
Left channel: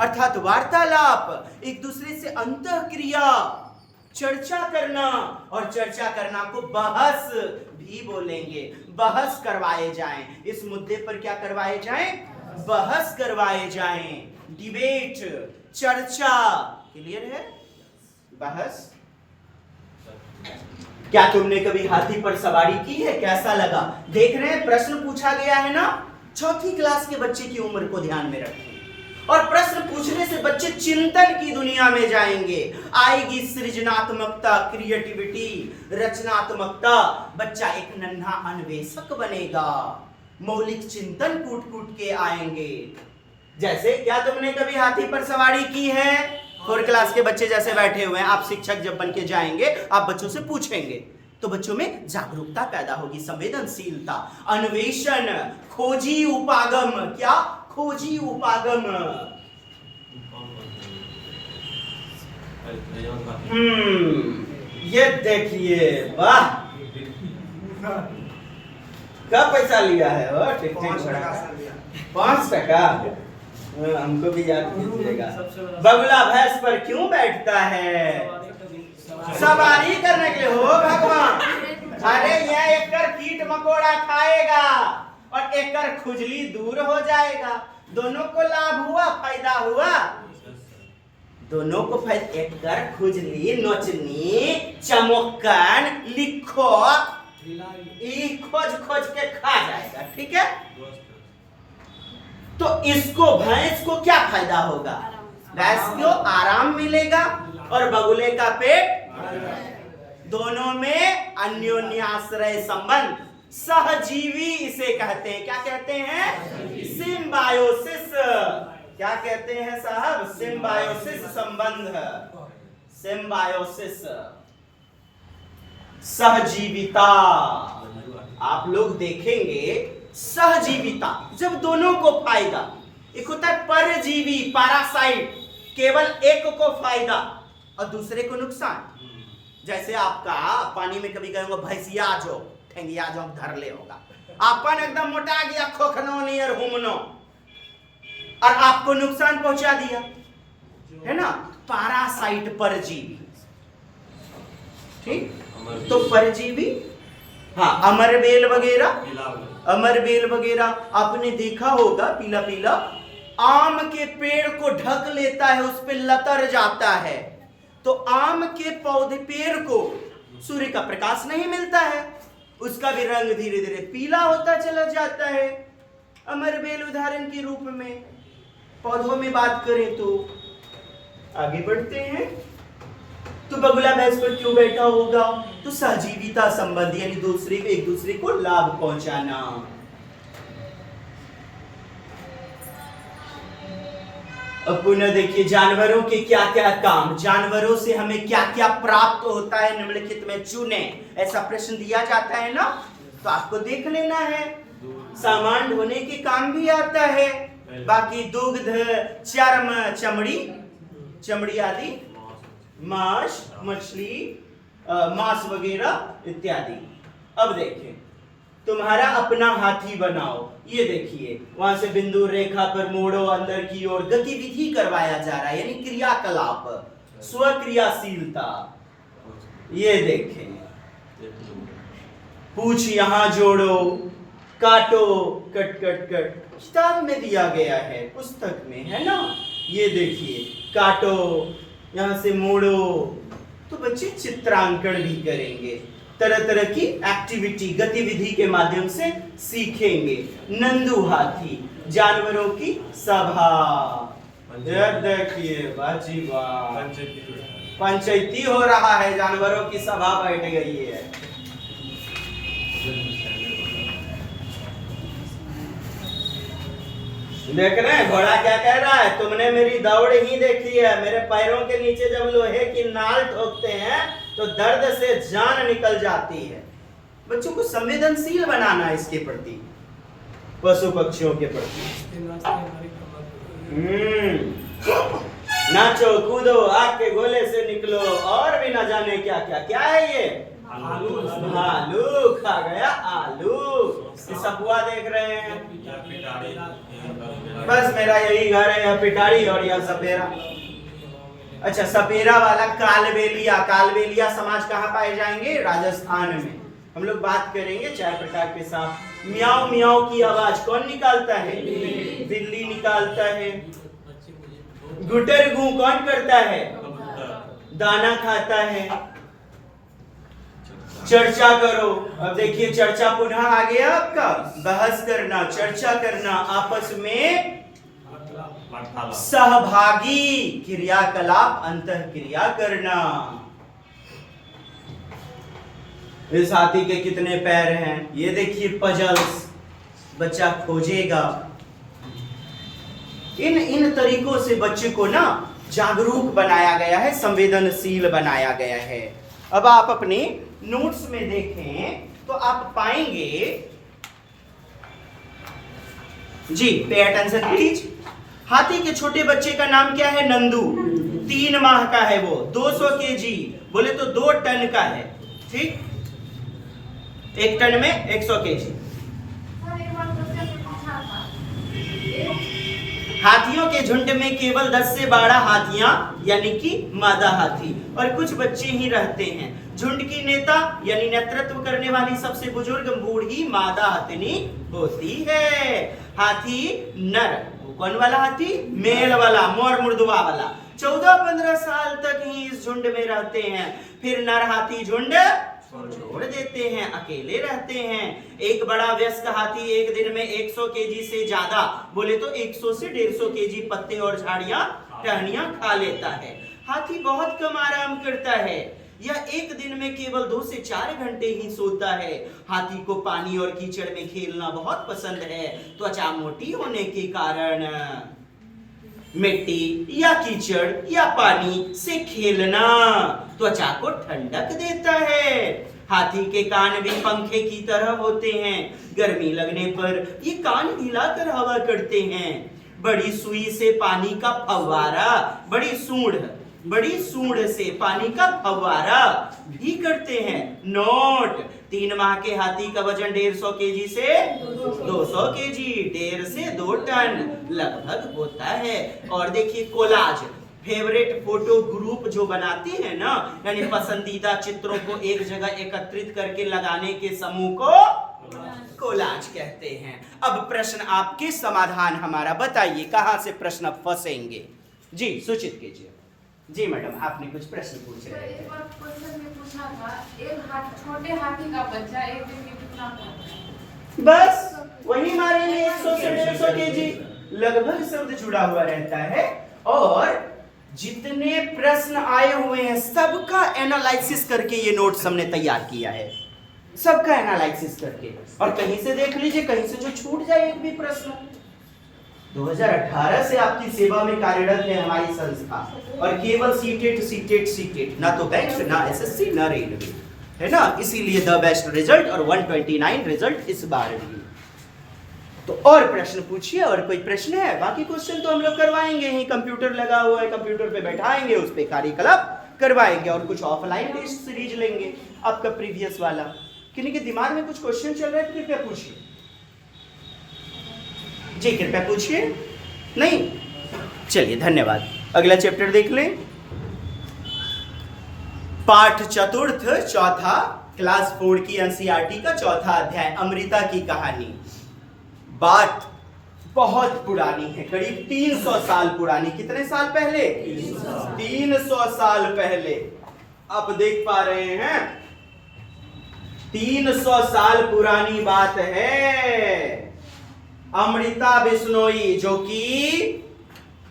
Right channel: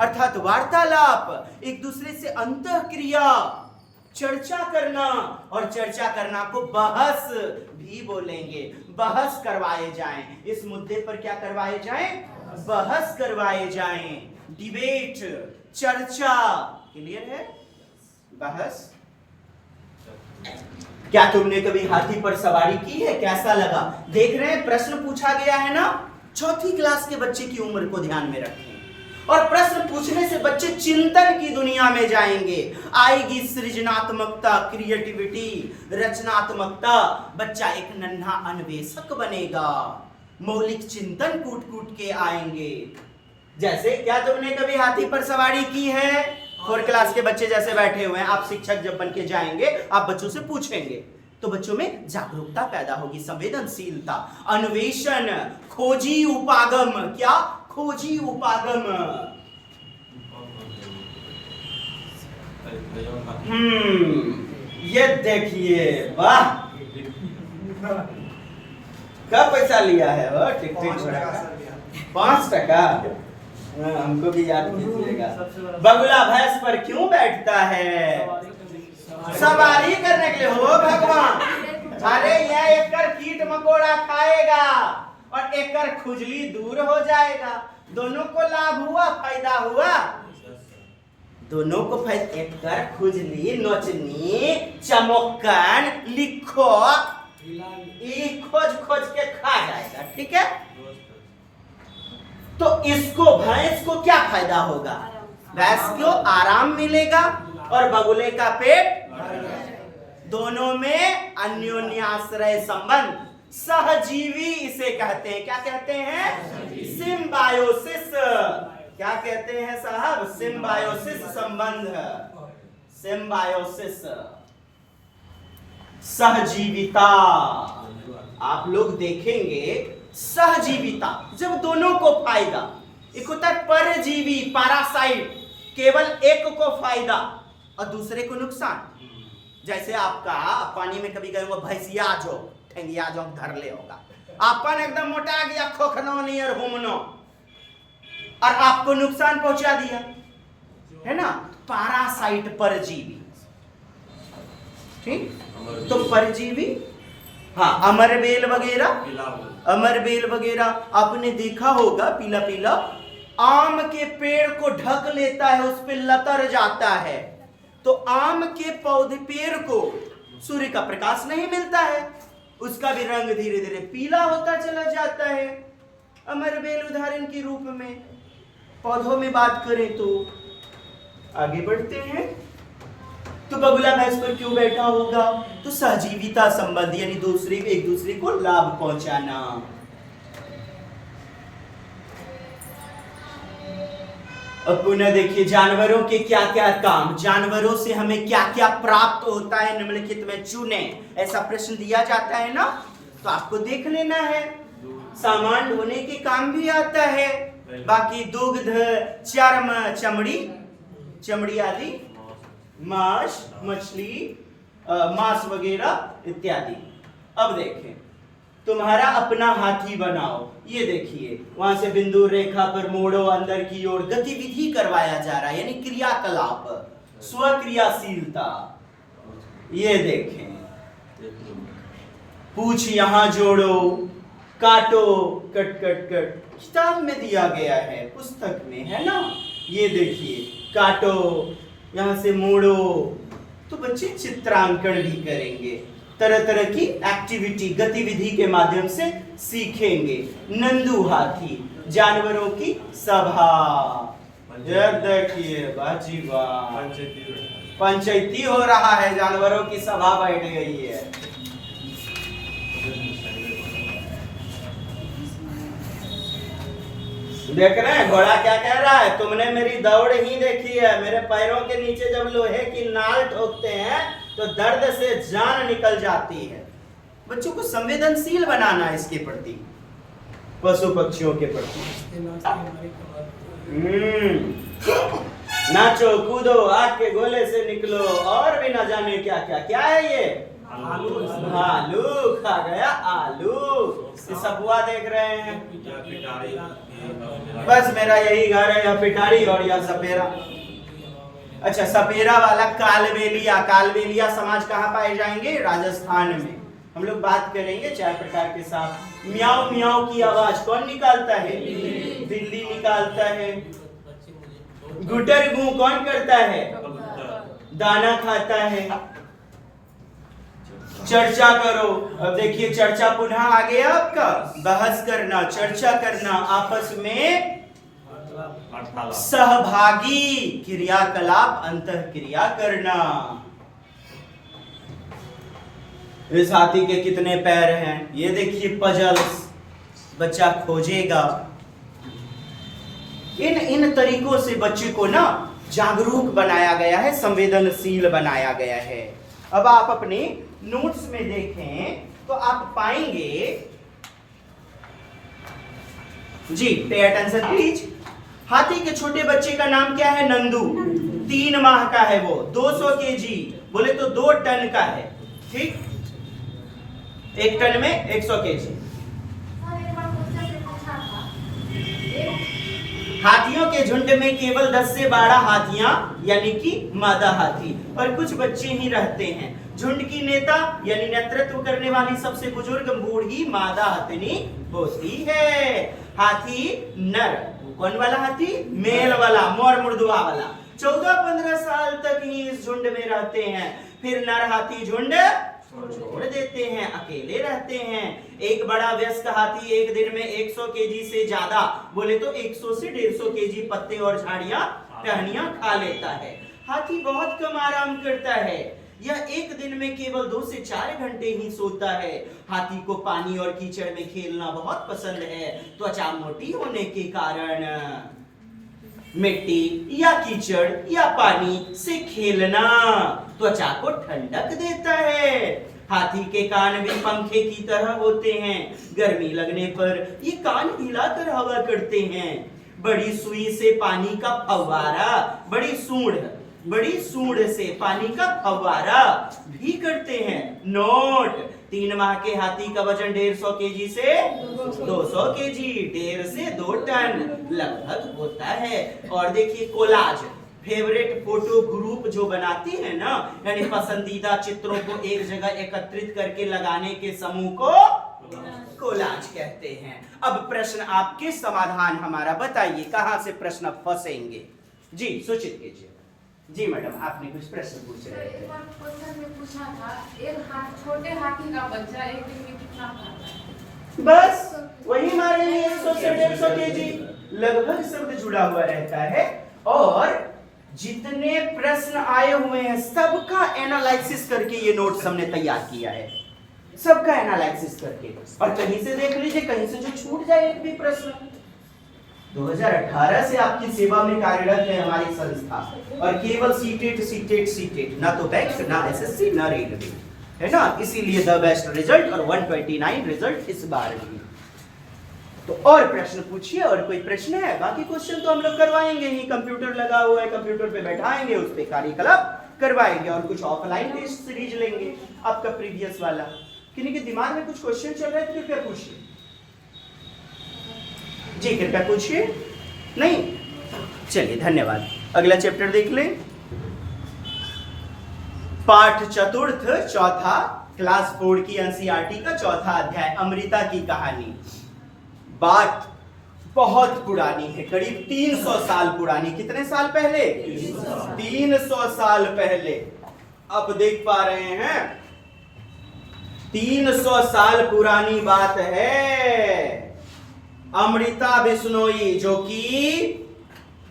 अर्थात वार्तालाप, एक दूसरे से अंतःक्रिया, चर्चा करना। और चर्चा करना को बहस भी बोलेंगे। बहस करवाए जाएं, इस मुद्दे पर क्या करवाए जाएं? बहस करवाए जाएं। डिबेट, चर्चा, क्लियर है? बहस? क्या तुमने कभी हाथी पर सवारी की है? कैसा लगा? देख रहे हैं प्रश्न पूछा गया है ना, चौथी क्लास के बच्चे की उम्र को ध्यान में रखें। और प्रश्न पूछने से बच्चे चिंतन की दुनिया में जाएंगे, आएगी सृजनात्मकता, क्रिएटिविटी, रचनात्मकता। बच्चा एक नन्हा अन्वेषक बनेगा, मौलिक चिंतन कूट कूट के आएंगे। जैसे क्या तुमने कभी हाथी पर सवारी की है? 4 क्लास के बच्चे जैसे बैठे हुए हैं, आप शिक्षक जब बन के जाएंगे, आप बच्चों से पूछेंगे तो बच्चों में जागरूकता पैदा होगी, संवेदनशीलता, अन्वेषण, खोजी उपागम। क्या? खोजी उपागम। ये देखिए, वाह, कब पैसा लिया है? वो ठीक ठीक 5 टका। हमको भी याद कीजिएगा। बगुला भैंस पर क्यों बैठता है? सवारी करने के लिए हो भगवान। अरे यह एकर कीट मकोड़ा खाएगा और एकर खुजली दूर हो जाएगा। दोनों को लाभ हुआ, फायदा हुआ, दोनों को फायदा। एकर खुजली, नोचनी, चमोकन, लिखो, खोज खोज के खा जाएगा। ठीक है? तो इसको, भैंस को क्या फायदा होगा? भैंस को आराम मिलेगा और बगुले का पेट। दोनों में अन्योन्याश्रय संबंध, सहजीवी इसे कहते हैं। क्या कहते हैं? सिम्बायोसिस। क्या कहते हैं साहब? सिम्बायोसिस संबंध, सिम्बायोसिस, सहजीविता। आप लोग देखेंगे सहजीविता जब दोनों को फायदा। एक होता है परजीवी, पैरासाइट, केवल एक को फायदा और दूसरे को नुकसान। जैसे आपका पानी में कभी गए होगा, भैंसिया जो ठेंगिया जो धर ले होगा, आपन एकदम मोटा गया, खोखनो नियर हुमनो, और आपको नुकसान पहुंचा दिया, है ना? पैरासाइट, परजीवी। ठीक? तो परजीवी, हाँ, अमरबेल वगैरह, अमरबेल वगैरह आपने देखा होगा, पीला पीला आम के पेड़ को ढक लेता है, उस पे लतर जाता है। तो आम के पौधे, पेड़ को सूर्य का प्रकाश नहीं मिलता है, उसका भी रंग धीरे धीरे पीला होता चला जाता है। अमरबेल उदाहरण के रूप में। पौधों में बात करें तो आगे बढ़ते हैं, तो बगुला भैंस पर क्यों बैठा होगा? तो सहजीविता संबंध, यानी दूसरे एक दूसरे को लाभ पहुंचाना। अब पुनः देखिए जानवरों के क्या क्या काम, जानवरों से हमें क्या क्या प्राप्त होता है, निम्नलिखित में चुने। ऐसा प्रश्न दिया जाता है ना, तो आपको देख लेना है। सामान ढोने के काम भी आता है, बाकी दुग्ध, चर्म, चमड़ी, चमड़ी आदि, मांस, मछली, मांस वगैरह इत्यादि। अब देखें, तुम्हारा अपना हाथी बनाओ। ये देखिए, वहां से बिंदु रेखा पर मोड़ो, अंदर की ओर गतिविधि करवाया जा रहा है, यानी क्रियाकलाप, स्वक्रियाशीलता। ये देखें, पूछ यहां जोड़ो, काटो, कट कट कट, किताब में दिया गया है, पुस्तक में है ना। ये देखिए, काटो, यहां से मोड़ो, तो बच्चे चित्रांकन भी करेंगे, तरह तरह की एक्टिविटी, गतिविधि के माध्यम से सीखेंगे। नंदू हाथी, जानवरों की सभा। देखिए बाजी वाह, पंचायती हो रहा है, जानवरों की सभा बैठ गई है। देख रहे हैं घोड़ा क्या कह रहा है? तुमने मेरी दौड़ ही देखी है, मेरे पैरों के नीचे जब लोहे की नाल ठोकते हैं तो दर्द से जान निकल जाती है। बच्चों को संवेदनशील बनाना इसके प्रति, पशु पक्षियों के प्रति। नाचो कूदो, आग के गोले से निकलो, और भी ना जाने क्या क्या। क्या है ये? आलू। आलू खा गया, आलू। सपुआ देख रहे हैं, बस मेरा यही घर है, यहाँ पिटारी और यहाँ सपेरा। अच्छा, सपेरा वाला कालबेलिया। कालबेलिया समाज कहाँ पाए जाएंगे? राजस्थान में। हम लोग बात करेंगे चाय प्रकार के साथ। म्याऊ म्याऊ की आवाज कौन निकालता है? बिल्ली निकालता है। गुटर गू कौन करता है? दाना खाता है। चर्चा करो। अब देखिए चर्चा पुनः आ गया आपका, बहस करना, चर्चा करना, आपस में सहभागी क्रियाकलाप, अंतः क्रिया करना। इस हाथी के कितने पैर हैं? ये देखिए पजल्स, बच्चा खोजेगा। इन तरीकों से बच्चे को ना जागरूक बनाया गया है, संवेदनशील बनाया गया है। अब आप अपने नोट्स में देखें तो आप पाएंगे, जी पे अटेंशन प्लीज। हाथी के छोटे बच्चे का नाम क्या है? नंदू। 3 माह का है वो, 200 केजी, बोले तो 2 टन का है। ठीक, 1 टन में 100 केजी। हाथियों के झुंड में केवल 10 से 12 हाथियां यानी कि मादा हाथी और कुछ बच्चे ही रहते हैं। झुंड की नेता यानी नेतृत्व करने वाली सबसे बुजुर्ग बूढ़ी मादा हाथिनी होती है। हाथी नर, कौन वाला हाथी? मेल वाला, मोर मुर्दुआ वाला। 14-15 साल तक ही इस झुंड में रहते हैं, फिर नर हाथी झुंड छोड़ देते हैं, अकेले रहते हैं। एक बड़ा वयस्क हाथी एक दिन में 100 केजी से ज्यादा, बोले तो 100 से 150 केजी पत्ते और झाड़ियां टहनियां खा लेता है। हाथी बहुत कम आराम करता है, यह एक दिन में केवल 2 से 4 घंटे ही सोता है। हाथी को पानी और कीचड़ में खेलना बहुत पसंद है। त्वचा मोटी होने के कारण मिट्टी या कीचड़ या पानी से खेलना त्वचा को ठंडक देता है। हाथी के कान भी पंखे की तरह होते हैं, गर्मी लगने पर ये कान हिलाकर हवा करते हैं। बड़ी सुई से पानी का फव्वारा, बड़ी सूंड से पानी का फव्वारा भी करते हैं। नोट, 3 माह के हाथी का वजन 150 केजी से 200 केजी, 1.5 से 2 टन लगभग होता है। और देखिए कोलाज, फेवरेट फोटो ग्रुप जो बनाते हैं ना, यानी पसंदीदा चित्रों को एक जगह एकत्रित करके लगाने के समूह को कोलाज कहते हैं। अब प्रश्न आपके, समाधान हमारा, बताइए कहां से प्रश्न फंसेंगे? जी सूचित कीजिए। जी मैडम, आपने कुछ प्रश्न पूछ रहे थे। क्वेश्चन में पूछा था, एक छोटे हाथी का बच्चा एक दिन में कितना खाता है? बस वही मारेंगे, 100 से 150 केजी, लगभग शब्द जुड़ा हुआ रहता है। और जितने प्रश्न आए हुए हैं सबका एनालिसिस करके ये नोट्स हमने तैयार किया है, सबका एनालिसिस करके। और कहीं से देख लीजिए, कहीं से जो छूट जाए एक भी प्रश्न। 2018 से आपकी सेवा में कार्यरत है हमारी संस्था, और केवल सीटेट, ना तो बैंक, ना एसएससी, ना रेलवे, है ना। इसीलिए द बेस्ट रिजल्ट और 129 रिजल्ट इस बार भी। तो और प्रश्न पूछिए, और कोई प्रश्न है? बाकी क्वेश्चन तो हम लोग करवाएंगे ही, कंप्यूटर लगा हुआ है, कंप्यूटर पे बैठाएंगे, उस पे कार्यकलाप करवाएंगे, और कुछ ऑफलाइन टेस्ट सीरीज लेंगे आपका प्रीवियस वाला। किन्हीं के दिमाग में कुछ क्वेश्चन चल रहे हैं तो कृपया पूछिए। जी कृपया पूछिए। नहीं, चलिए धन्यवाद। अगला चैप्टर देख लें। पाठ चतुर्थ, चौथा, क्लास 4 की एनसीईआरटी का चौथा अध्याय, अमृता की कहानी। बात बहुत पुरानी है, करीब 300 साल पुरानी। कितने साल पहले? 300 साल पहले। अब देख पा रहे हैं 300 साल पुरानी बात है। अमृता बिश्नोई, जो कि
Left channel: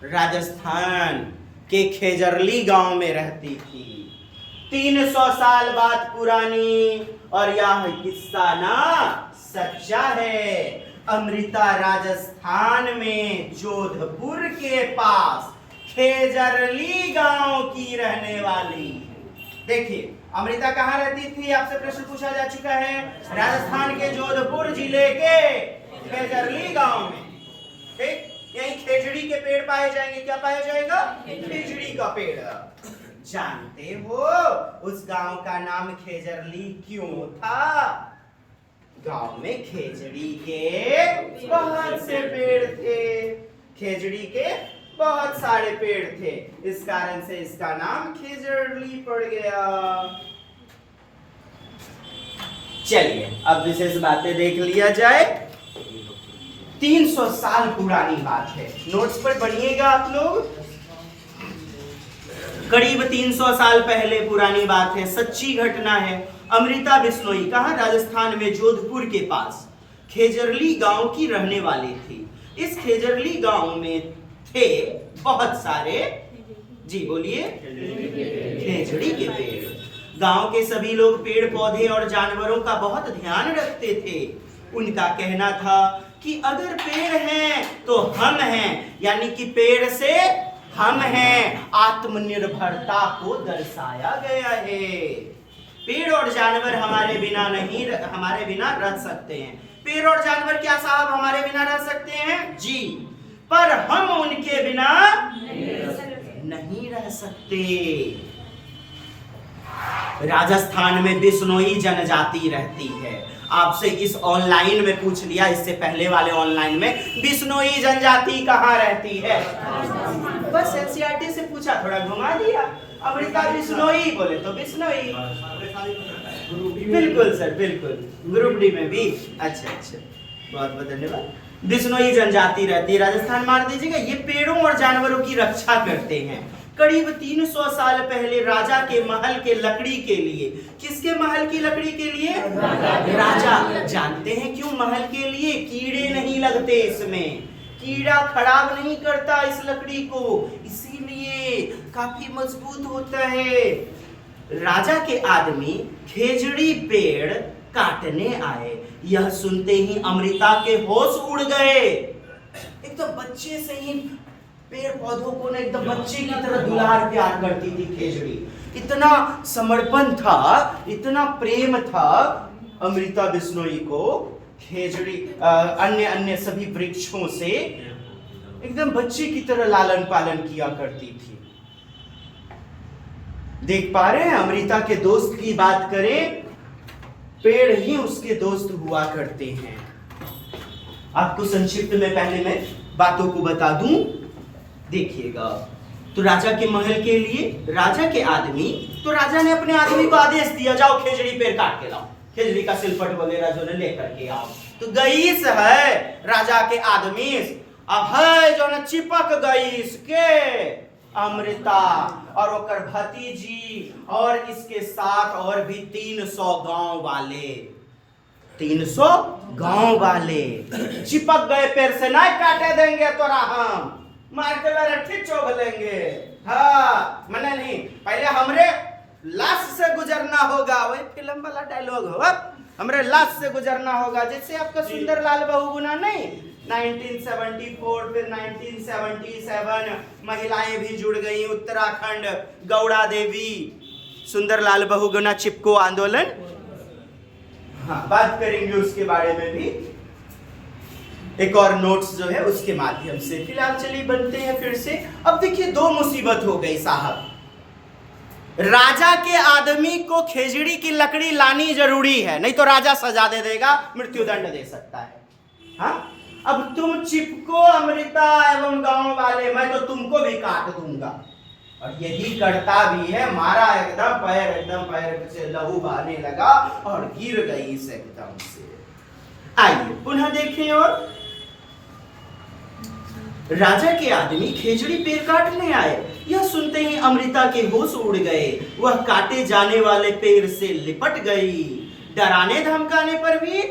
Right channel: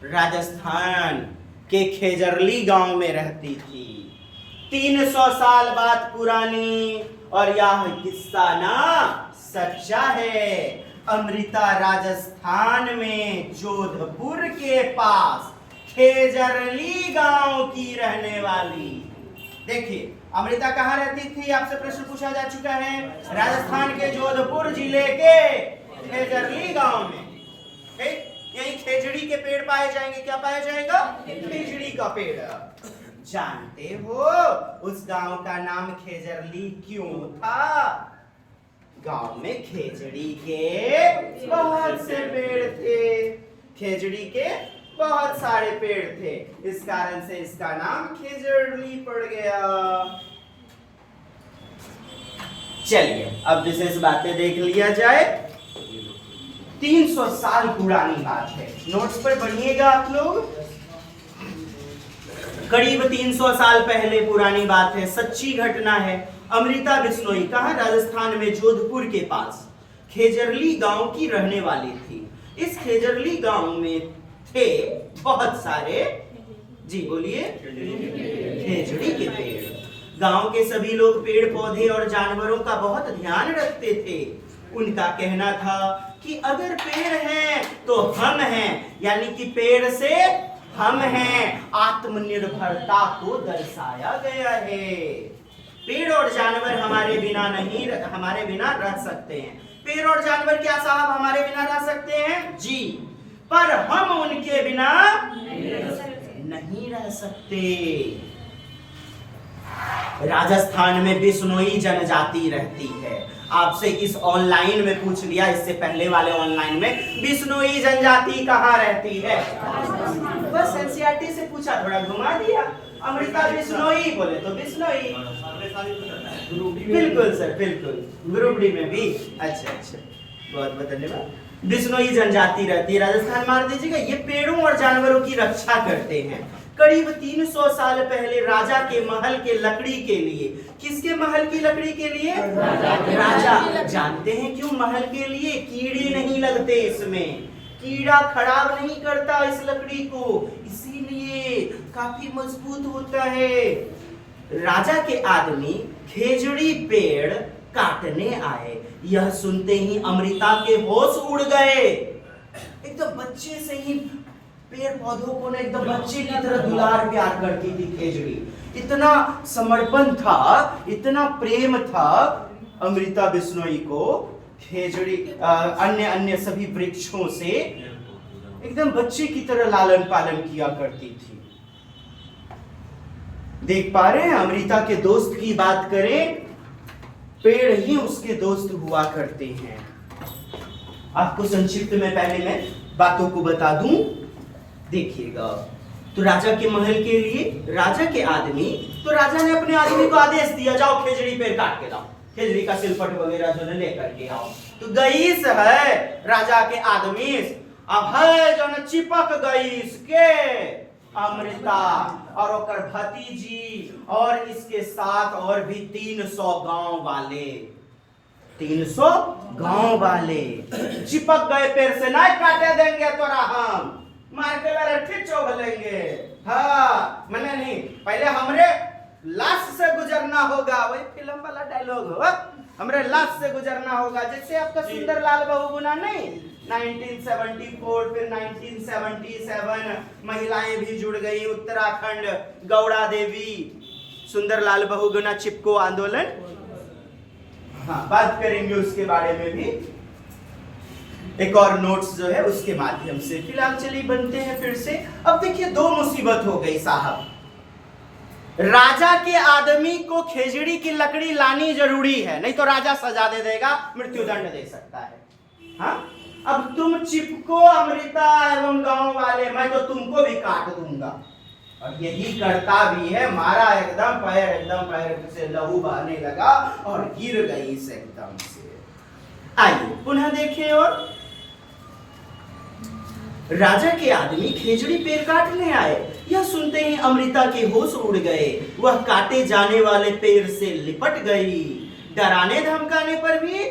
राजस्थान के खेजरली गांव में रहती थी। 300 साल बात पुरानी, और यह किस्सा ना सच्चा है। अमृता राजस्थान में जोधपुर के पास खेजरली गांव की रहने वाली। देखिए अमृता कहाँ रहती थी? आपसे प्रश्न पूछा जा चुका है। राजस्थान के जोधपुर जिले के खेजरली गांव में। ठीक, यही खेजड़ी के पेड़ पाए जाएंगे। क्या पाया जाएगा? खेजड़ी का पेड़। जानते हो उस गांव का नाम खेजरली क्यों था? गांव में खेजड़ी के बहुत से पेड़ थे, खेजड़ी के बहुत सारे पेड़ थे, इस कारण से इसका नाम खेजरली पड़ गया। चलिए अब विशेष बातें देख लिया जाए। 300 साल पुरानी बात है, नोट्स पर बनिएगा आप लोग। करीब 300 साल पहले पुरानी बात है, सच्ची घटना है। अमृता बिश्नोई कहाँ, राजस्थान में जोधपुर के पास खेजरली गांव की रहने वाली थी। इस खेजरली गांव में थे बहुत सारे, जी बोलिए, खेजड़ी के पेड़। गांव के सभी लोग पेड़ पौधे और जानवरों का बहुत ध्यान रखते थे। उनका कहना था कि अगर पेड़ हैं तो हम हैं, यानी कि पेड़ से हम हैं। आत्मनिर्भरता को दर्शाया गया है। पेड़ और जानवर हमारे बिना रह सकते हैं। पेड़ और जानवर क्या साहब हमारे बिना रह सकते हैं? जी, पर हम उनके बिना नहीं रह सकते। राजस्थान में बिश्नोई जनजाति रहती है। आपसे इस ऑनलाइन में पूछ लिया, इससे पहले वाले ऑनलाइन में, बिश्नोई जनजाति कहाँ रहती है? बस एनसीईआरटी से पूछा, थोड़ा घुमा दिया। अमृता बिश्नोई बोले तो बिश्नोई। बिल्कुल सर, बिल्कुल, ग्रुप डी में भी। अच्छा, बहुत बहुत धन्यवाद। बिश्नोई जनजाति रहती है राजस्थान। मार दीजिएगा, ये पेड़ों और जानवरों की रक्षा करते हैं। करीब 300 साल पहले राजा के महल के लकड़ी के लिए, किसके महल की लकड़ी के लिए? राजा। जानते हैं क्यों महल के लिए? कीड़े नहीं लगते इसमें, कीड़ा खराब नहीं करता इस लकड़ी को, इसीलिए काफी मजबूत होता है। राजा के आदमी खेजड़ी पेड़ काटने आए। यह सुनते ही अमृता के होश उड़ गए। एकदम बच्चे से ही पेड़ पौधों को ने एकदम बच्चे की तरह दुलार प्यार करती थी खेजड़ी। इतना समर्पण था, इतना प्रेम था अमृता बिश्नोई को खेजड़ी अन्य सभी वृक्षों से एकदम बच्चे की तरह लालन पालन किया करती थी। देख पा रहे हैं, अमृता के दोस्त की बात करें, पेड़ ही उसके दोस्त हुआ करते हैं। आपको संक्षिप्त में पहले मैं बातों को बता दूं, देखिएगा। तो राजा के महल के लिए राजा के आदमी, तो राजा ने अपने आदमी को आदेश दिया, जाओ खेजड़ी पेड़ काट के लाओ, खेजड़ी का सिलपट वगैरह जो है लेकर के आओ। तो गईस है राजा के आदमी, अब है जो न चिपक गईस के अमृता और ओकर भतीजी और इसके साथ और भी 300 गांव वाले, 300 गांव वाले चिपक गए। पेड़ से नहीं काटे देंगे तोरा, हम मार के लड़ठी चोग लेंगे। हाँ, मैंने नहीं, पहले हमरे लाश से गुजरना होगा। वही फिल्म वाला डायलॉग हो, हमरे लाश से गुजरना होगा। जैसे आपका सुंदर लाल बहुगुणा नहीं, 1974 फिर 1977 महिलाएं भी जुड़ गई। उत्तराखंड गौड़ा देवी, सुंदर लाल बहुगुणा चिपको आंदोलन, हाँ बात करेंगे उसके बारे में भी, एक और नोट्स जो है उसके माध्यम से। फिलहाल चलिए बनते हैं फिर से। अब देखिए, दो मुसीबत हो गई साहब। राजा के आदमी को खेजड़ी की लकड़ी लानी जरूरी है, नहीं तो राजा सजा दे देगा, मृत्युदंड दे सकता है। हाँ, अब तुम चिपको अमृता एवं गांव वाले, मैं तो तुमको भी काट दूंगा। और यही करता भी है। मारा, एकदम पैर से लहू बहने लगा और गिर गई इस एकदम से। आइए पुनः देखें। और राजा के आदमी खेजड़ी पेड़ काटने आए। यह सुनते ही अमृता के होश उड़ गए। वह काटे जाने वाले पेड़ से लिपट गई। डराने धमकाने पर भी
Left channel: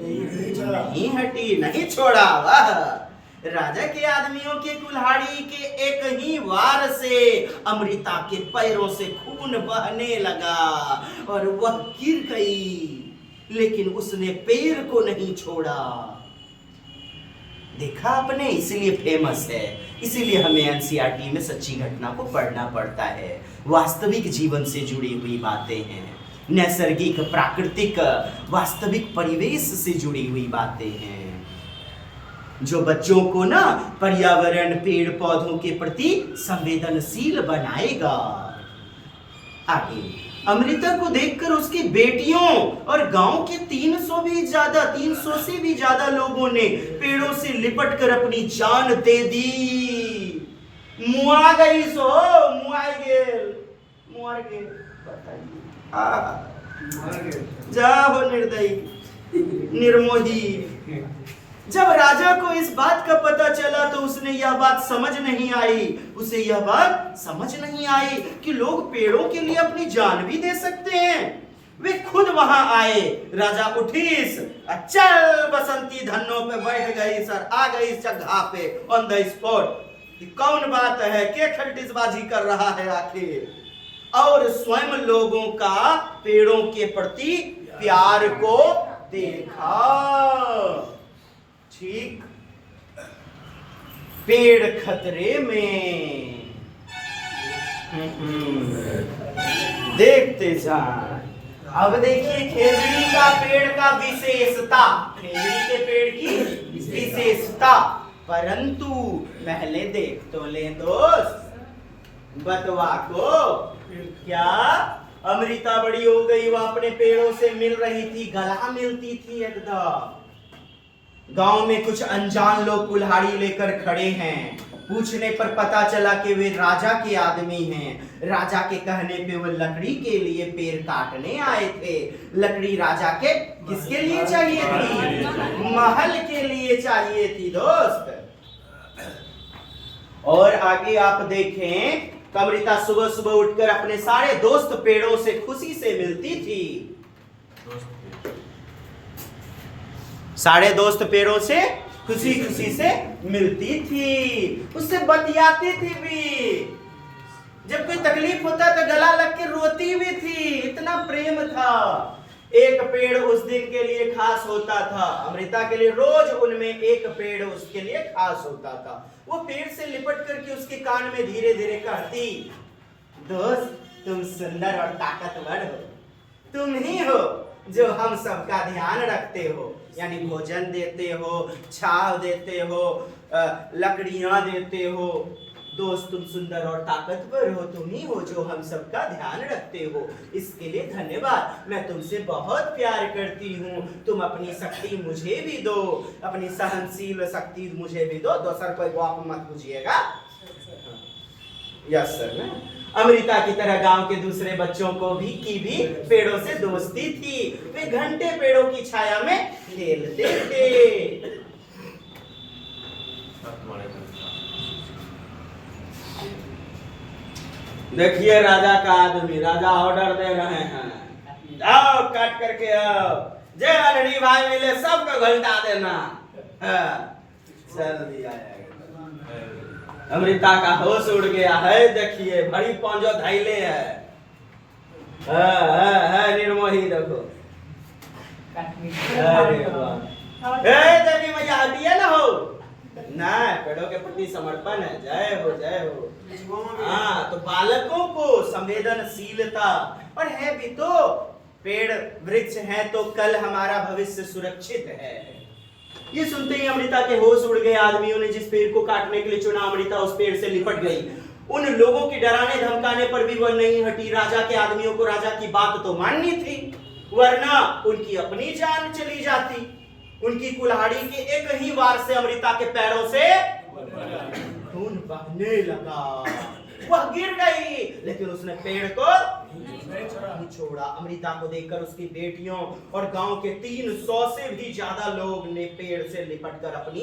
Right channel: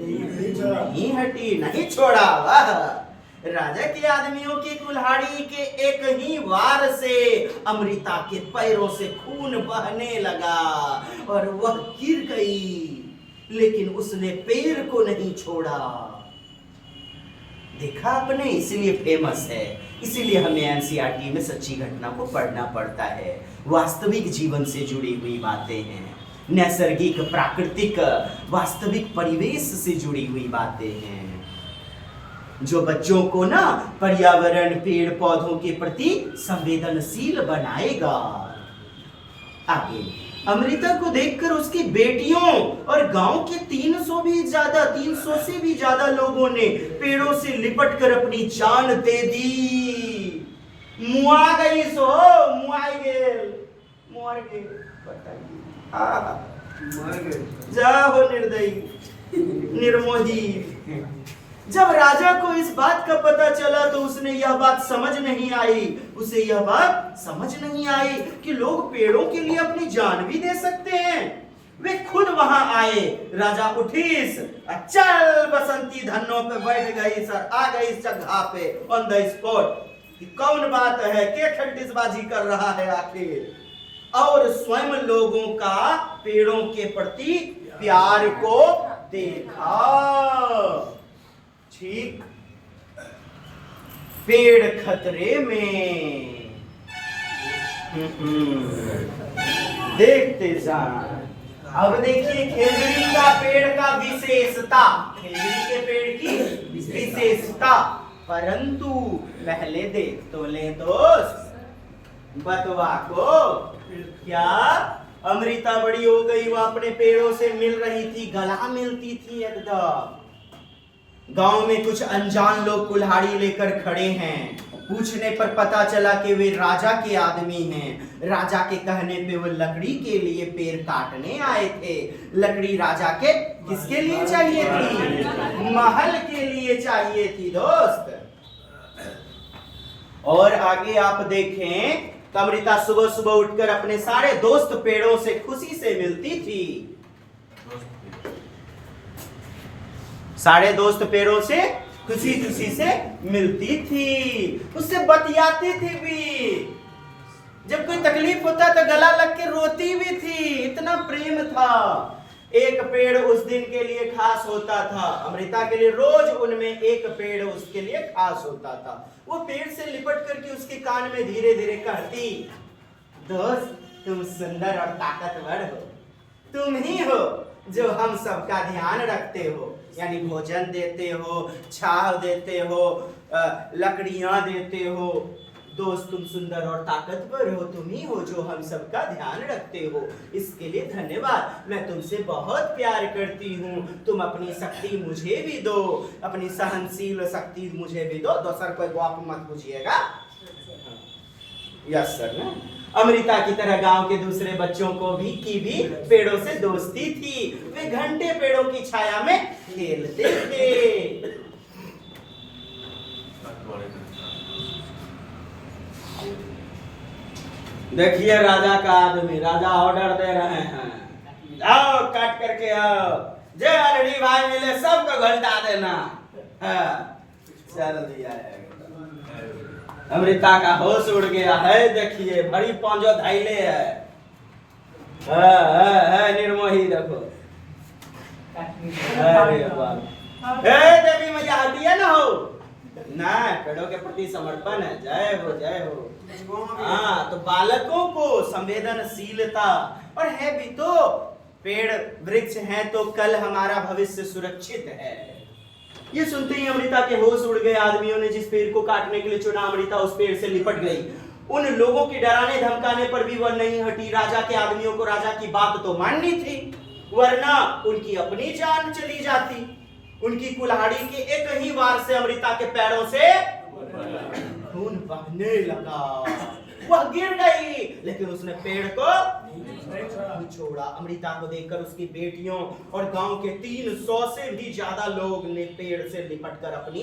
नहीं हटी, नहीं छोड़ा। वाह! राजा के आदमियों के कुल्हाड़ी के एक ही वार से अमृता के पैरों से खून बहने लगा और वह गिर गई, लेकिन उसने पेड़ को नहीं छोड़ा। देखा आपने, इसीलिए फेमस है, इसीलिए हमें एनसीईआरटी में सच्ची घटना को पढ़ना पड़ता है। वास्तविक जीवन से जुड़ी हुई बातें हैं, नैसर्गिक प्राकृतिक वास्तविक परिवेश से जुड़ी हुई बातें हैं, जो बच्चों को ना पर्यावरण पेड़ पौधों के प्रति संवेदनशील बनाएगा। आगे अमृता को देखकर उसकी बेटियों और गांव के 300 से भी ज्यादा लोगों ने पेड़ों से लिपटकर अपनी जान दे दी। मुआ गई सो, मुआ गेल, मुआ गेल, बताइए। जा हो निर्दयी, निर्मोही, जब राजा को इस बात का पता चला तो उसने यह बात समझ नहीं आई, उसे यह बात समझ नहीं आई कि लोग पेड़ों के लिए अपनी जान भी दे सकते हैं। वे खुद वहां आए, राजा उठीस, चल बसंती धन्नों पे बैठ गई, सर आ गई जगह पे ऑन द स्पॉट कि कौन बात है, के खलटिसबाजी कर रहा है आखिर, और स्वयं लोगों का पेड़ों के प्रति प्यार को देखा। ठीक, पेड़ खतरे में, देखते जाएं। अब देखिए खेजड़ी का पेड़ का विशेषता, खेजड़ी के पेड़ की विशेषता, परंतु पहले देख तो ले दोस्त बतवा को। क्या अमृता बड़ी हो गई, वो अपने पेड़ों से मिल रही थी, गला मिलती थी एकदम। गांव में कुछ अनजान लोग कुल्हाड़ी लेकर खड़े हैं, पूछने पर पता चला कि वे राजा के आदमी हैं। राजा के कहने पे वो लकड़ी के लिए पेड़ काटने आए थे। लकड़ी राजा के किसके लिए चाहिए थी? महल के लिए चाहिए थी दोस्त। और आगे आप देखें, अमृता सुबह सुबह उठकर अपने सारे दोस्त पेड़ों से खुशी से मिलती थी। सारे दोस्त पेड़ों से खुशी खुशी से मिलती थी, उससे बतियाती थी भी। जब कोई तकलीफ होता तो गला लग के रोती भी थी, इतना प्रेम था। एक पेड़ उस दिन के लिए खास होता था, अमृता के लिए रोज उनमें एक पेड़ उसके लिए खास होता था। वो पेड़ से लिपट करके उसके कान में धीरे धीरे कहती, दोस्त तुम सुंदर और ताकतवर हो, तुम ही हो जो हम सबका ध्यान रखते हो, यानी भोजन देते हो, छाव देते हो, लकड़ियां देते हो। दोस्त तुम सुंदर और ताकतवर हो, तुम ही हो जो हम सबका ध्यान रखते हो, इसके लिए धन्यवाद। मैं तुमसे बहुत प्यार करती हूँ, तुम अपनी शक्ति मुझे भी दो, अपनी सहनशील शक्ति मुझे भी दो। दोसर कोई बात मत पूछिएगा। यस सर ना। अमृता की तरह गांव के दूसरे बच्चों को भी पेड़ों से दोस्ती थी। वे घंटे पेड़ों की छाया में खेलते थे। देखिए राजा का आदमी, राजा ऑर्डर दे रहे हैं, आओ काट करके आओ, जे अलड़ी भाई मिले सबको घंटा देना। चल दिया है। अमृता का होश उड़ गया है, देखिए बड़ी पांजो धैले है। निर्मोही देखो। अरे बाप, देवी मैया हटिए ना हो ना, पेड़ों के प्रति समर्पण है। जय हो जय हो। हाँ, तो बालकों को संवेदनशीलता, और है भी तो, पेड़ वृक्ष है तो कल हमारा भविष्य सुरक्षित है। ये सुनते ही अमृता के होश उड़ गए। आदमियों ने जिस पेड़ को काटने के लिए चुना, अमृता उस पेड़ से लिपट गई। उन लोगों के डराने धमकाने पर भी वह नहीं हटी। राजा के आदमियों को राजा की बात तो माननी थी, वरना उनकी अपनी जान चली जाती। उनकी कुल्हाड़ी के एक ही वार से अमृता के पैरों से खून बहने लगा। वह गिर गई, लेकिन उसने पेड़ को नहीं छोड़ा। अमृता को देखकर उसकी बेटियों और गांव के 300 से भी ज्यादा लोग ने पेड़ से लिपटकर अपनी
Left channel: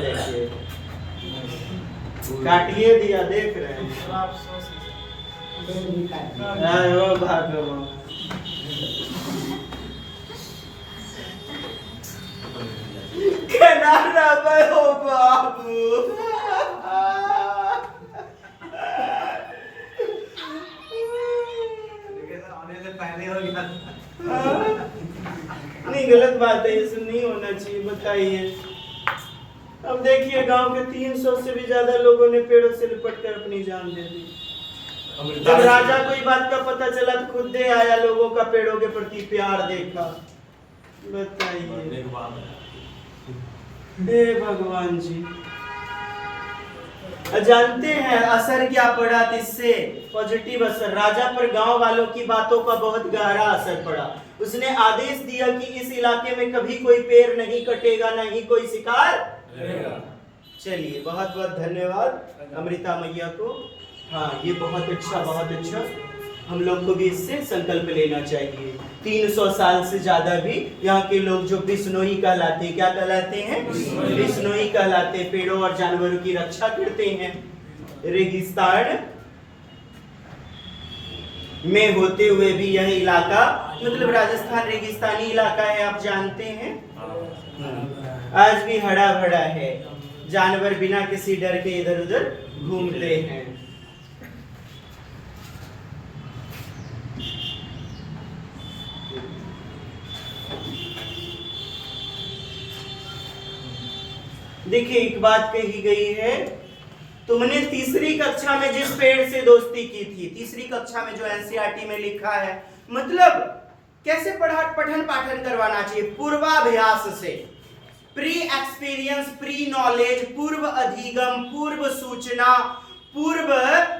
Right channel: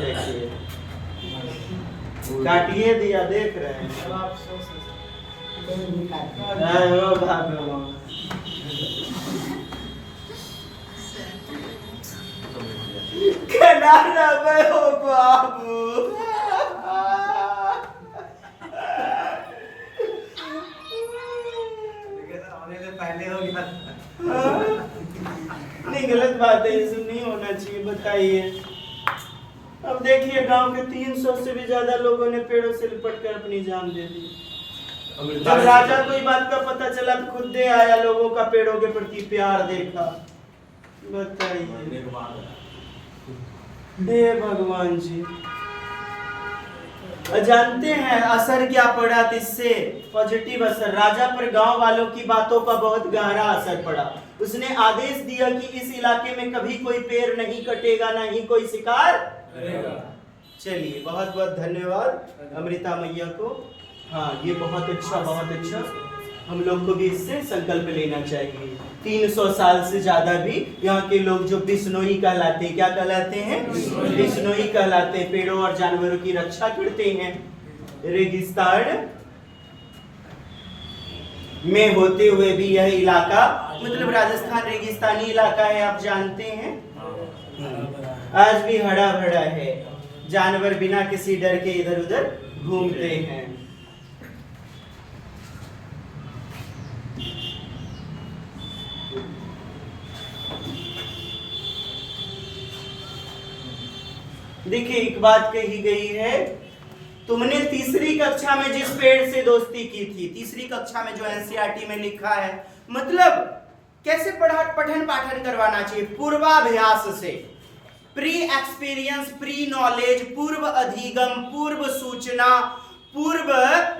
देखिए काटिए दिया, देख रहे हैं। ओ भगवान, केनारा में हो बाबू। आने से पहले हो गया। नहीं, गलत बात है, ये नहीं होना चाहिए। बताइए, अब देखिए गांव के 300 से भी ज्यादा लोगों ने पेड़ों से लिपटकर अपनी जान दे दी। जब राजा को इस बात का पता चला तो खुद दे आया, लोगों का पेड़ों के प्रति प्यार देखा। बताइए, हे भगवान जी। जानते हैं असर क्या पड़ा इससे? पॉजिटिव असर। राजा पर गांव वालों की बातों का बहुत गहरा असर पड़ा। उसने आदेश दिया कि इस इलाके में कभी कोई पेड़ नहीं कटेगा, ना ही कोई शिकार। चलिए, बहुत बहुत धन्यवाद अमृता मैया को। हाँ, ये बहुत अच्छा, बहुत अच्छा। हम लोग को भी इससे संकल्प लेना चाहिए। 300 साल से ज्यादा भी यहाँ के लोग जो बिश्नोई कहलाते हैं, क्या कहलाते हैं? बिश्नोई कहलाते हैं, पेड़ों और जानवरों की रक्षा करते हैं। रेगिस्तान में होते हुए भी यह इलाका, मतलब राजस्थान रेगिस्तानी इलाका है, आप जानते हैं। आज भी हरा भरा है, जानवर बिना किसी डर के इधर उधर घूमते हैं। देखिए एक बात कही गई है, तुमने तीसरी कक्षा में जिस पेड़ से दोस्ती की थी, तीसरी कक्षा में जो एनसीईआरटी में लिखा है, मतलब कैसे पठन पाठन करवाना चाहिए? पूर्वाभ्यास से, प्री एक्सपीरियंस, प्री नॉलेज, पूर्व अधिगम, पूर्व सूचना, पूर्व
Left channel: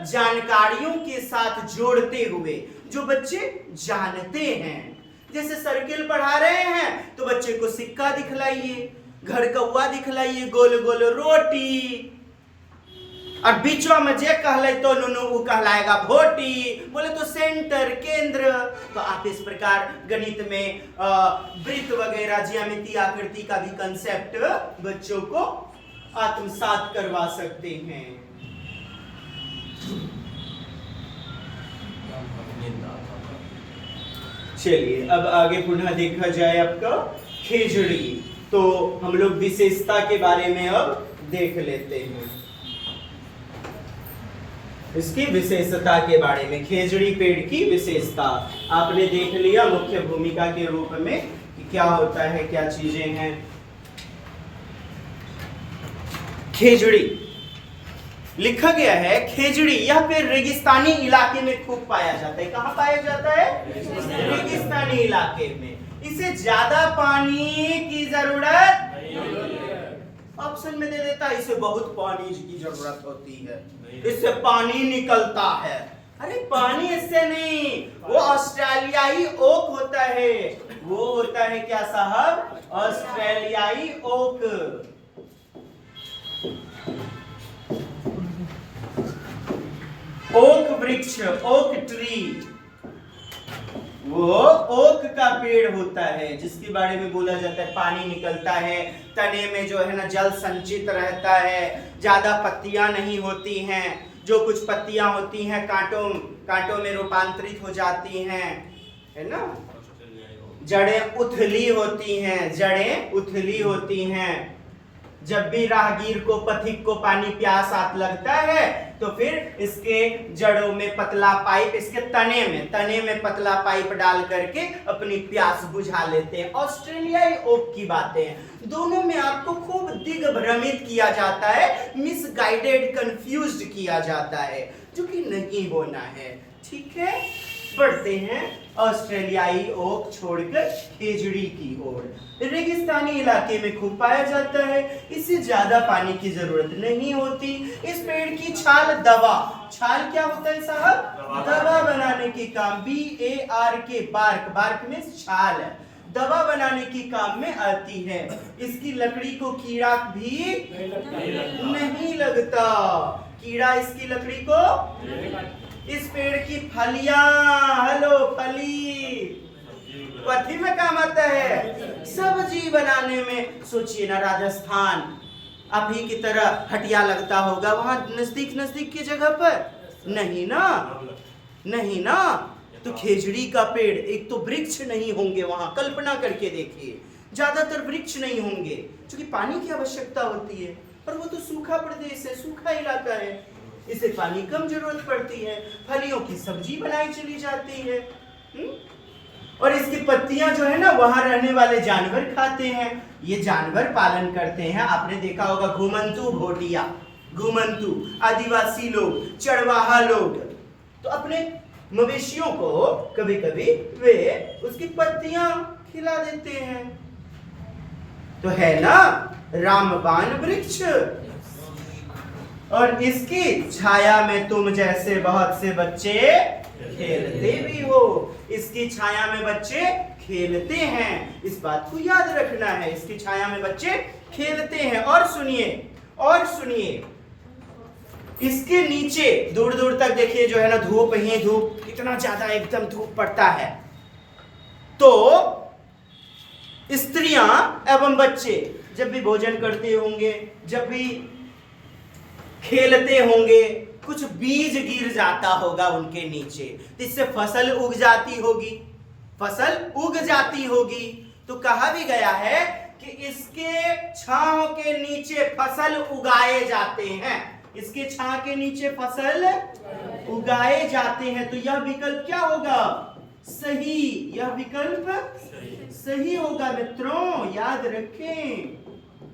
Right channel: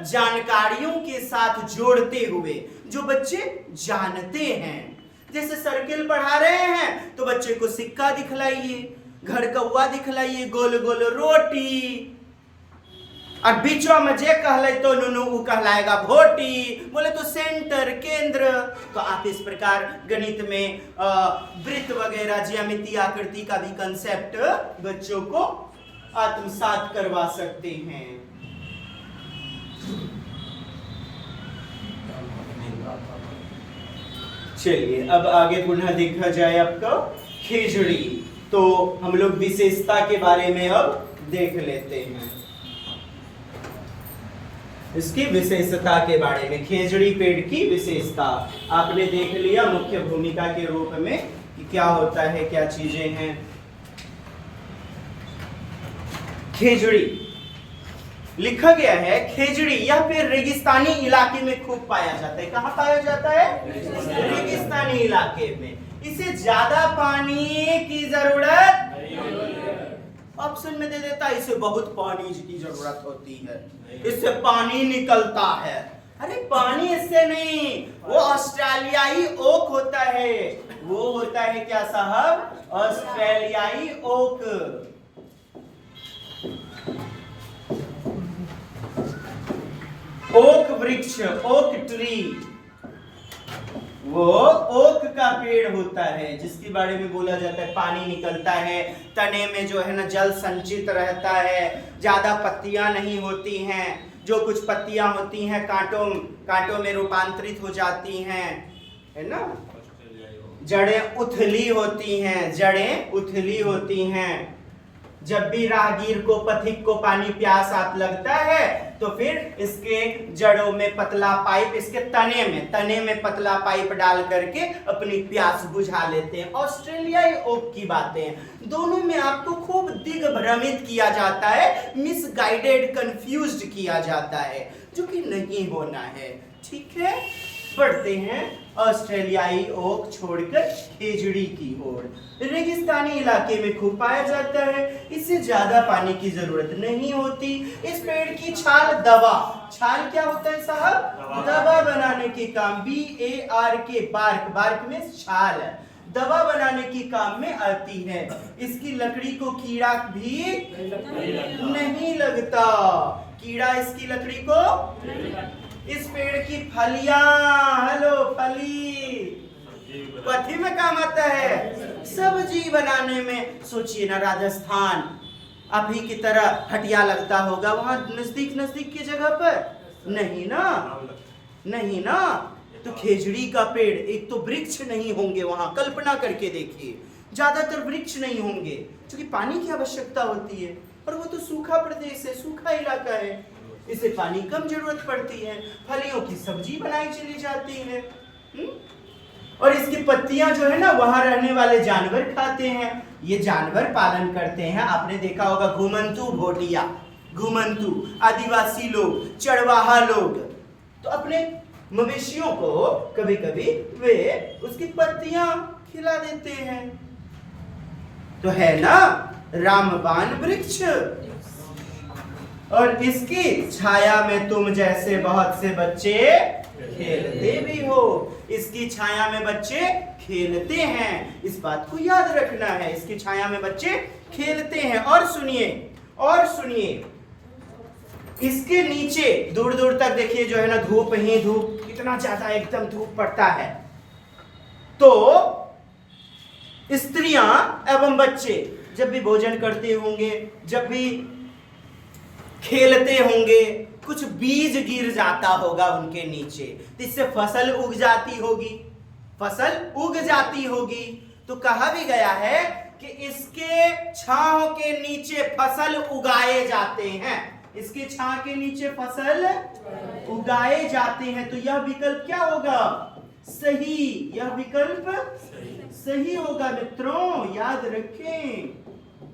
जानकारियों के साथ जोड़ते हुए जो बच्चे जानते हैं। जैसे सर्किल पढ़ा रहे हैं तो बच्चे को सिक्का दिखलाइए, घर कौवा दिखलाइए, गोल गोल रोटी, और बीचों में जे कहले तो नुनु वो कहलाएगा भोटी, बोले तो सेंटर, केंद्र। तो आप इस प्रकार गणित में वृत्त वगैरह, ज्यामिति, आकृति का भी कंसेप्ट बच्चों को आत्मसात करवा सकते हैं। चलिए अब आगे पुनः देखा जाए आपका खेजड़ी। तो हम लोग विशेषता के बारे में अब देख लेते हैं, इसकी विशेषता के बारे में। खेजड़ी पेड़ की विशेषता आपने देख लिया मुख्य भूमिका के रूप में कि क्या होता है, क्या चीजें हैं। खेजड़ी लिखा गया है, खेजड़ी यह पेड़ रेगिस्तानी इलाके में खूब पाया जाता है। कहाँ पाया जाता है? रेगिस्तानी इलाके में। इसे ज्यादा पानी की जरूरत ऑप्शन में दे देता है, इसे बहुत पानी की जरूरत होती है, इससे पानी निकलता है। अरे पानी इससे नहीं, वो ऑस्ट्रेलियाई ओक होता है। वो होता है क्या साहब? ऑस्ट्रेलियाई ओक। ओक वृक्ष, ओक ट्री, वो ओक का पेड़ होता है जिसके बारे में बोला जाता है पानी निकलता है, तने में जो है ना जल संचित रहता है, ज्यादा पत्तियां नहीं होती हैं, जो कुछ पत्तियां होती हैं कांटों में रूपांतरित हो जाती हैं, है ना। जड़ें उथली होती हैं, जड़ें उथली होती हैं। जब भी राहगीर को, पथिक को पानी प्यास आप लगता है तो फिर इसके जड़ों में पतला पाइप, इसके तने में पतला पाइप डाल करके अपनी प्यास बुझा लेते हैं। ऑस्ट्रेलियाई ओक की बातें, दोनों में आपको खूब दिग्भ्रमित किया जाता है, मिसगाइडेड, कंफ्यूज्ड किया जाता है, जो कि नहीं होना है। ठीक है, बढ़ते हैं ऑस्ट्रेलियाई ओक छोड़कर खेजड़ी की ओर। रेगिस्तानी इलाके में खूब पाया जाता है, इसे ज्यादा पानी की जरूरत नहीं होती। इस पेड़ की छाल दवा, छाल क्या होता है साहब? दवा बनाने के काम, BARK, बार्क में छाल, दवा बनाने के काम में आती है। इसकी लकड़ी को कीड़ा भी नहीं लगता, कीड़ा इसकी लकड़ी को। इस पेड़ की फलियां, हेलो फली, कथी में काम आता है? सब्जी बनाने में। सोचिए ना, राजस्थान आप ही की तरह हटिया लगता होगा वहां नजदीक की जगह पर? नहीं ना, नहीं ना। तो खेजड़ी का पेड़, एक तो वृक्ष नहीं होंगे वहां, कल्पना करके देखिए, ज्यादातर वृक्ष नहीं होंगे क्योंकि पानी की आवश्यकता होती है, और वो तो सूखा प्रदेश है, सूखा इलाका है, इसे पानी कम जरूरत पड़ती है। फलियों की सब्जी बनाई चली जाती है, और इसकी पत्तियां जो है ना वहां रहने वाले जानवर खाते हैं। ये जानवर पालन करते हैं, आपने देखा होगा घुमंतू भोटिया, घुमंतू आदिवासी लोग, चरवाहा लोग, तो अपने मवेशियों को कभी कभी वे उसकी पत्तियां खिला देते हैं। तो है ना रामबाण वृक्ष, और इसकी छाया में तुम जैसे बहुत से बच्चे खेलते भी हो। इसकी छाया में बच्चे खेलते हैं, इस बात को याद रखना है, इसकी छाया में बच्चे खेलते हैं। और सुनिए, इसके नीचे दूर दूर तक देखिए जो है ना धूप ही धूप कितना ज्यादा एकदम धूप पड़ता है, तो स्त्रियां एवं बच्चे जब भी भोजन करते होंगे, जब भी खेलते होंगे, कुछ बीज गिर जाता होगा उनके नीचे, तो इससे फसल उग जाती होगी, फसल उग जाती होगी। तो कहा भी गया है कि इसके छांव के नीचे फसल उगाए जाते हैं, इसके छांव के नीचे फसल उगाए जाते हैं। तो यह विकल्प क्या होगा? सही, यह विकल्प सही होगा मित्रों, याद रखें,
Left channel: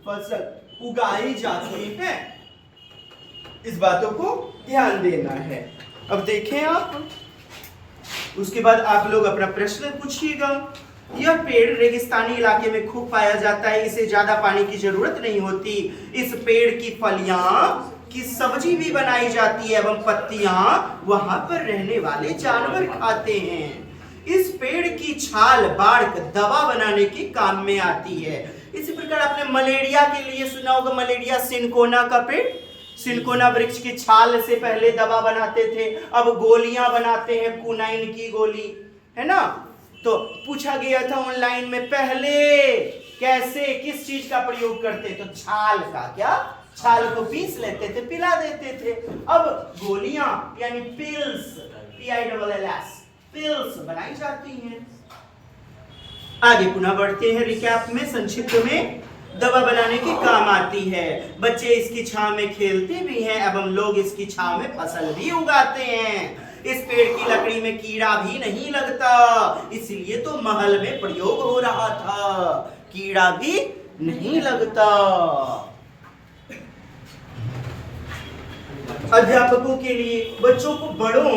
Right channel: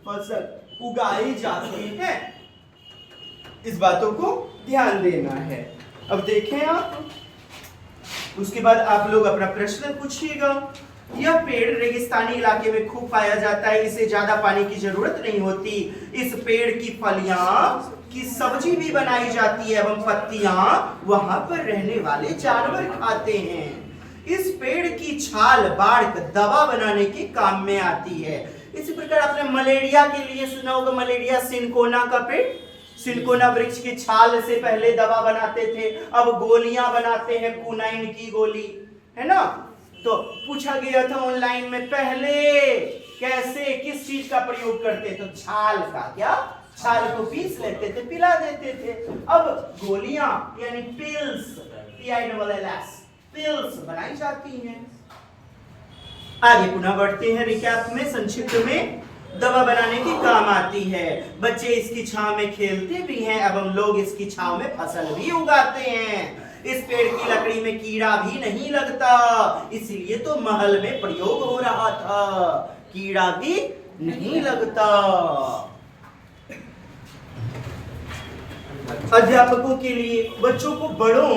फसल उगाई जाती है, इस बातों को ध्यान देना है। अब देखें आप, उसके बाद आप लोग अपना प्रश्न पूछिएगा। यह पेड़ रेगिस्तानी इलाके में खूब पाया जाता है, इसे ज्यादा पानी की जरूरत नहीं होती। इस पेड़ की फलियां की सब्जी भी बनाई जाती है एवं पत्तियां वहां पर रहने वाले जानवर खाते हैं। इस पेड़ की छाल बाढ़ दवा बनाने के काम में आती है। इसी प्रकार आपने मलेरिया के लिए सुना होगा, मलेरिया सिनकोना का पेड़, सिनकोना वृक्ष की छाल से पहले दवा बनाते थे, अब गोलियां बनाते हैं, कुनाइन की गोली, है ना। तो पूछा गया था ऑनलाइन में, पहले कैसे किस चीज का प्रयोग करते? तो छाल का, क्या छाल को पीस लेते थे, पिला देते थे। अब गोलियां यानी पिल्स, PILLS, पिल्स बनाई जाती हैं। आगे पुनः बढ़ते हैं रिकैप में, संक्षिप्त में। दवा बनाने के काम आती है, बच्चे इसकी छांव में खेलते भी हैं एवं लोग इसकी छांव में फसल भी उगाते हैं। इस पेड़ की लकड़ी में कीड़ा भी नहीं लगता, इसलिए तो महल में प्रयोग हो रहा था, कीड़ा भी नहीं लगता। अध्यापकों के लिए बच्चों को बड़ों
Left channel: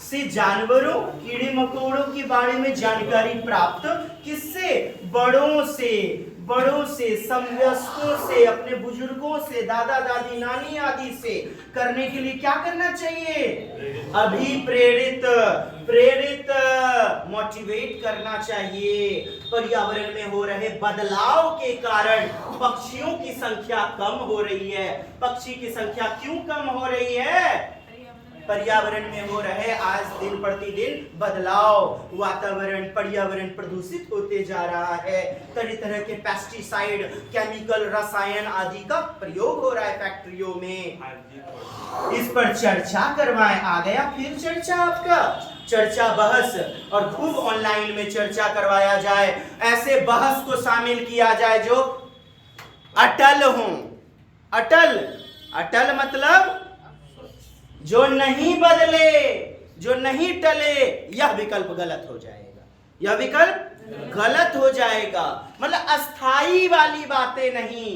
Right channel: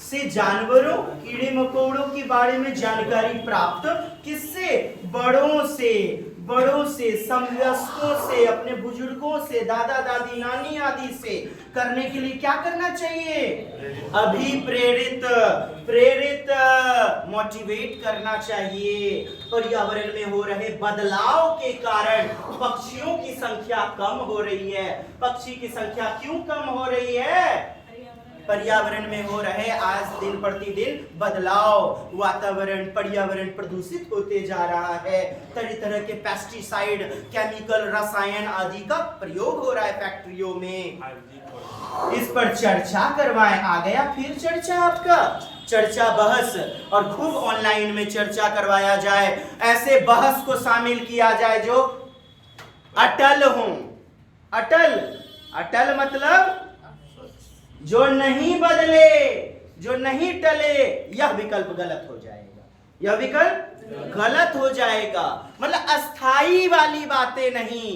से जानवरों, कीड़े मकोड़ों के बारे में जानकारी प्राप्त किससे? बड़ों से, समवयस्कों से, अपने बुजुर्गों से, दादा दादी नानी आदि से करने के लिए क्या करना चाहिए? प्रेरित मोटिवेट करना चाहिए। पर्यावरण में हो रहे बदलाव के कारण पक्षियों की संख्या कम हो रही है। पक्षी की संख्या क्यों कम हो रही है? पर्यावरण में हो रहे आज दिन प्रतिदिन बदलाव, वातावरण, पर्यावरण प्रदूषित होते जा रहा है। तरह तरह के पेस्टिसाइड, केमिकल, रसायन आदि का प्रयोग हो रहा है फैक्ट्रियों में। इस पर चर्चा करवाएं। आ गया फिर चर्चा, आपका चर्चा बहस, और खूब ऑनलाइन में चर्चा करवाया जाए। ऐसे बहस को शामिल किया जाए जो अटल हो। अटल मतलब जो नहीं बदले, जो नहीं टले, यह विकल्प गलत हो जाएगा, यह विकल्प गलत हो जाएगा। मतलब अस्थाई वाली बातें नहीं,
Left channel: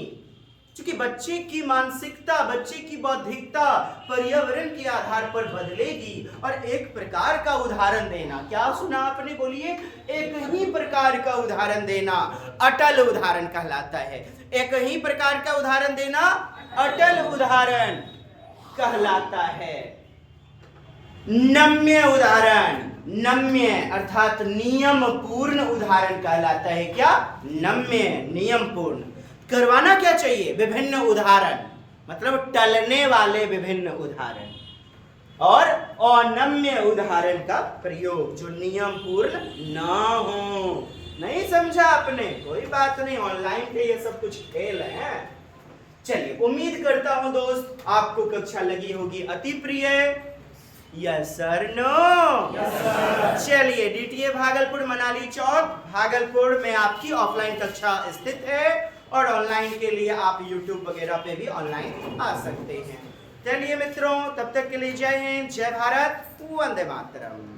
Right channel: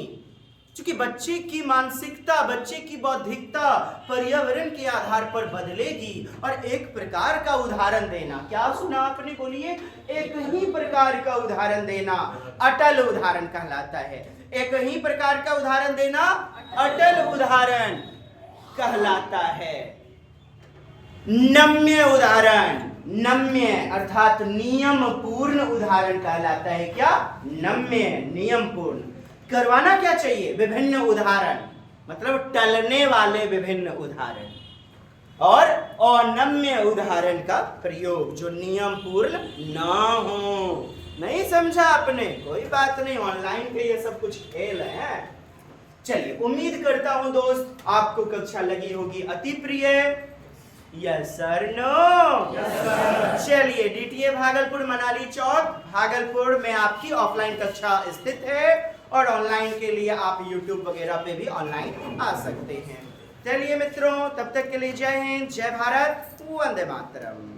क्योंकि बच्चे की मानसिकता, बच्चे की बौद्धिकता पर्यावरण के आधार पर बदलेगी। और एक प्रकार का उदाहरण देना, क्या सुना आपने? बोलिए, एक ही प्रकार का उदाहरण देना अटल उदाहरण कहलाता है। एक ही प्रकार का उदाहरण देना अटल उदाहरण कहलाता है। नम्य उदाहरण, नम्य अर्थात नियम पूर्ण उदाहरण कहलाता है। क्या? नम्य, नियम पूर्ण। करवाना क्या चाहिए? विभिन्न उदाहरण, मतलब टलने वाले विभिन्न उदाहरण, और अनम्य उदाहरण का प्रयोग जो नियम पूर्ण ना हो। नहीं समझा आपने? कोई बात नहीं, ऑनलाइन के ये सब कुछ खेल है। चलिए, उम्मीद करता हूं दोस्त आपको कक्षा लगी होगी अति प्रिय। Yes sir, no? चलिए, DTA भागलपुर, मनाली चौक, भागलपुर में आपकी ऑफलाइन कक्षा स्थित है, और ऑनलाइन के लिए आप YouTube वगैरह पे भी ऑनलाइन आ सकते हैं। चलिए मित्रों, तब तक के लिए जय हिंद, जय भारत, वंदे मातरम।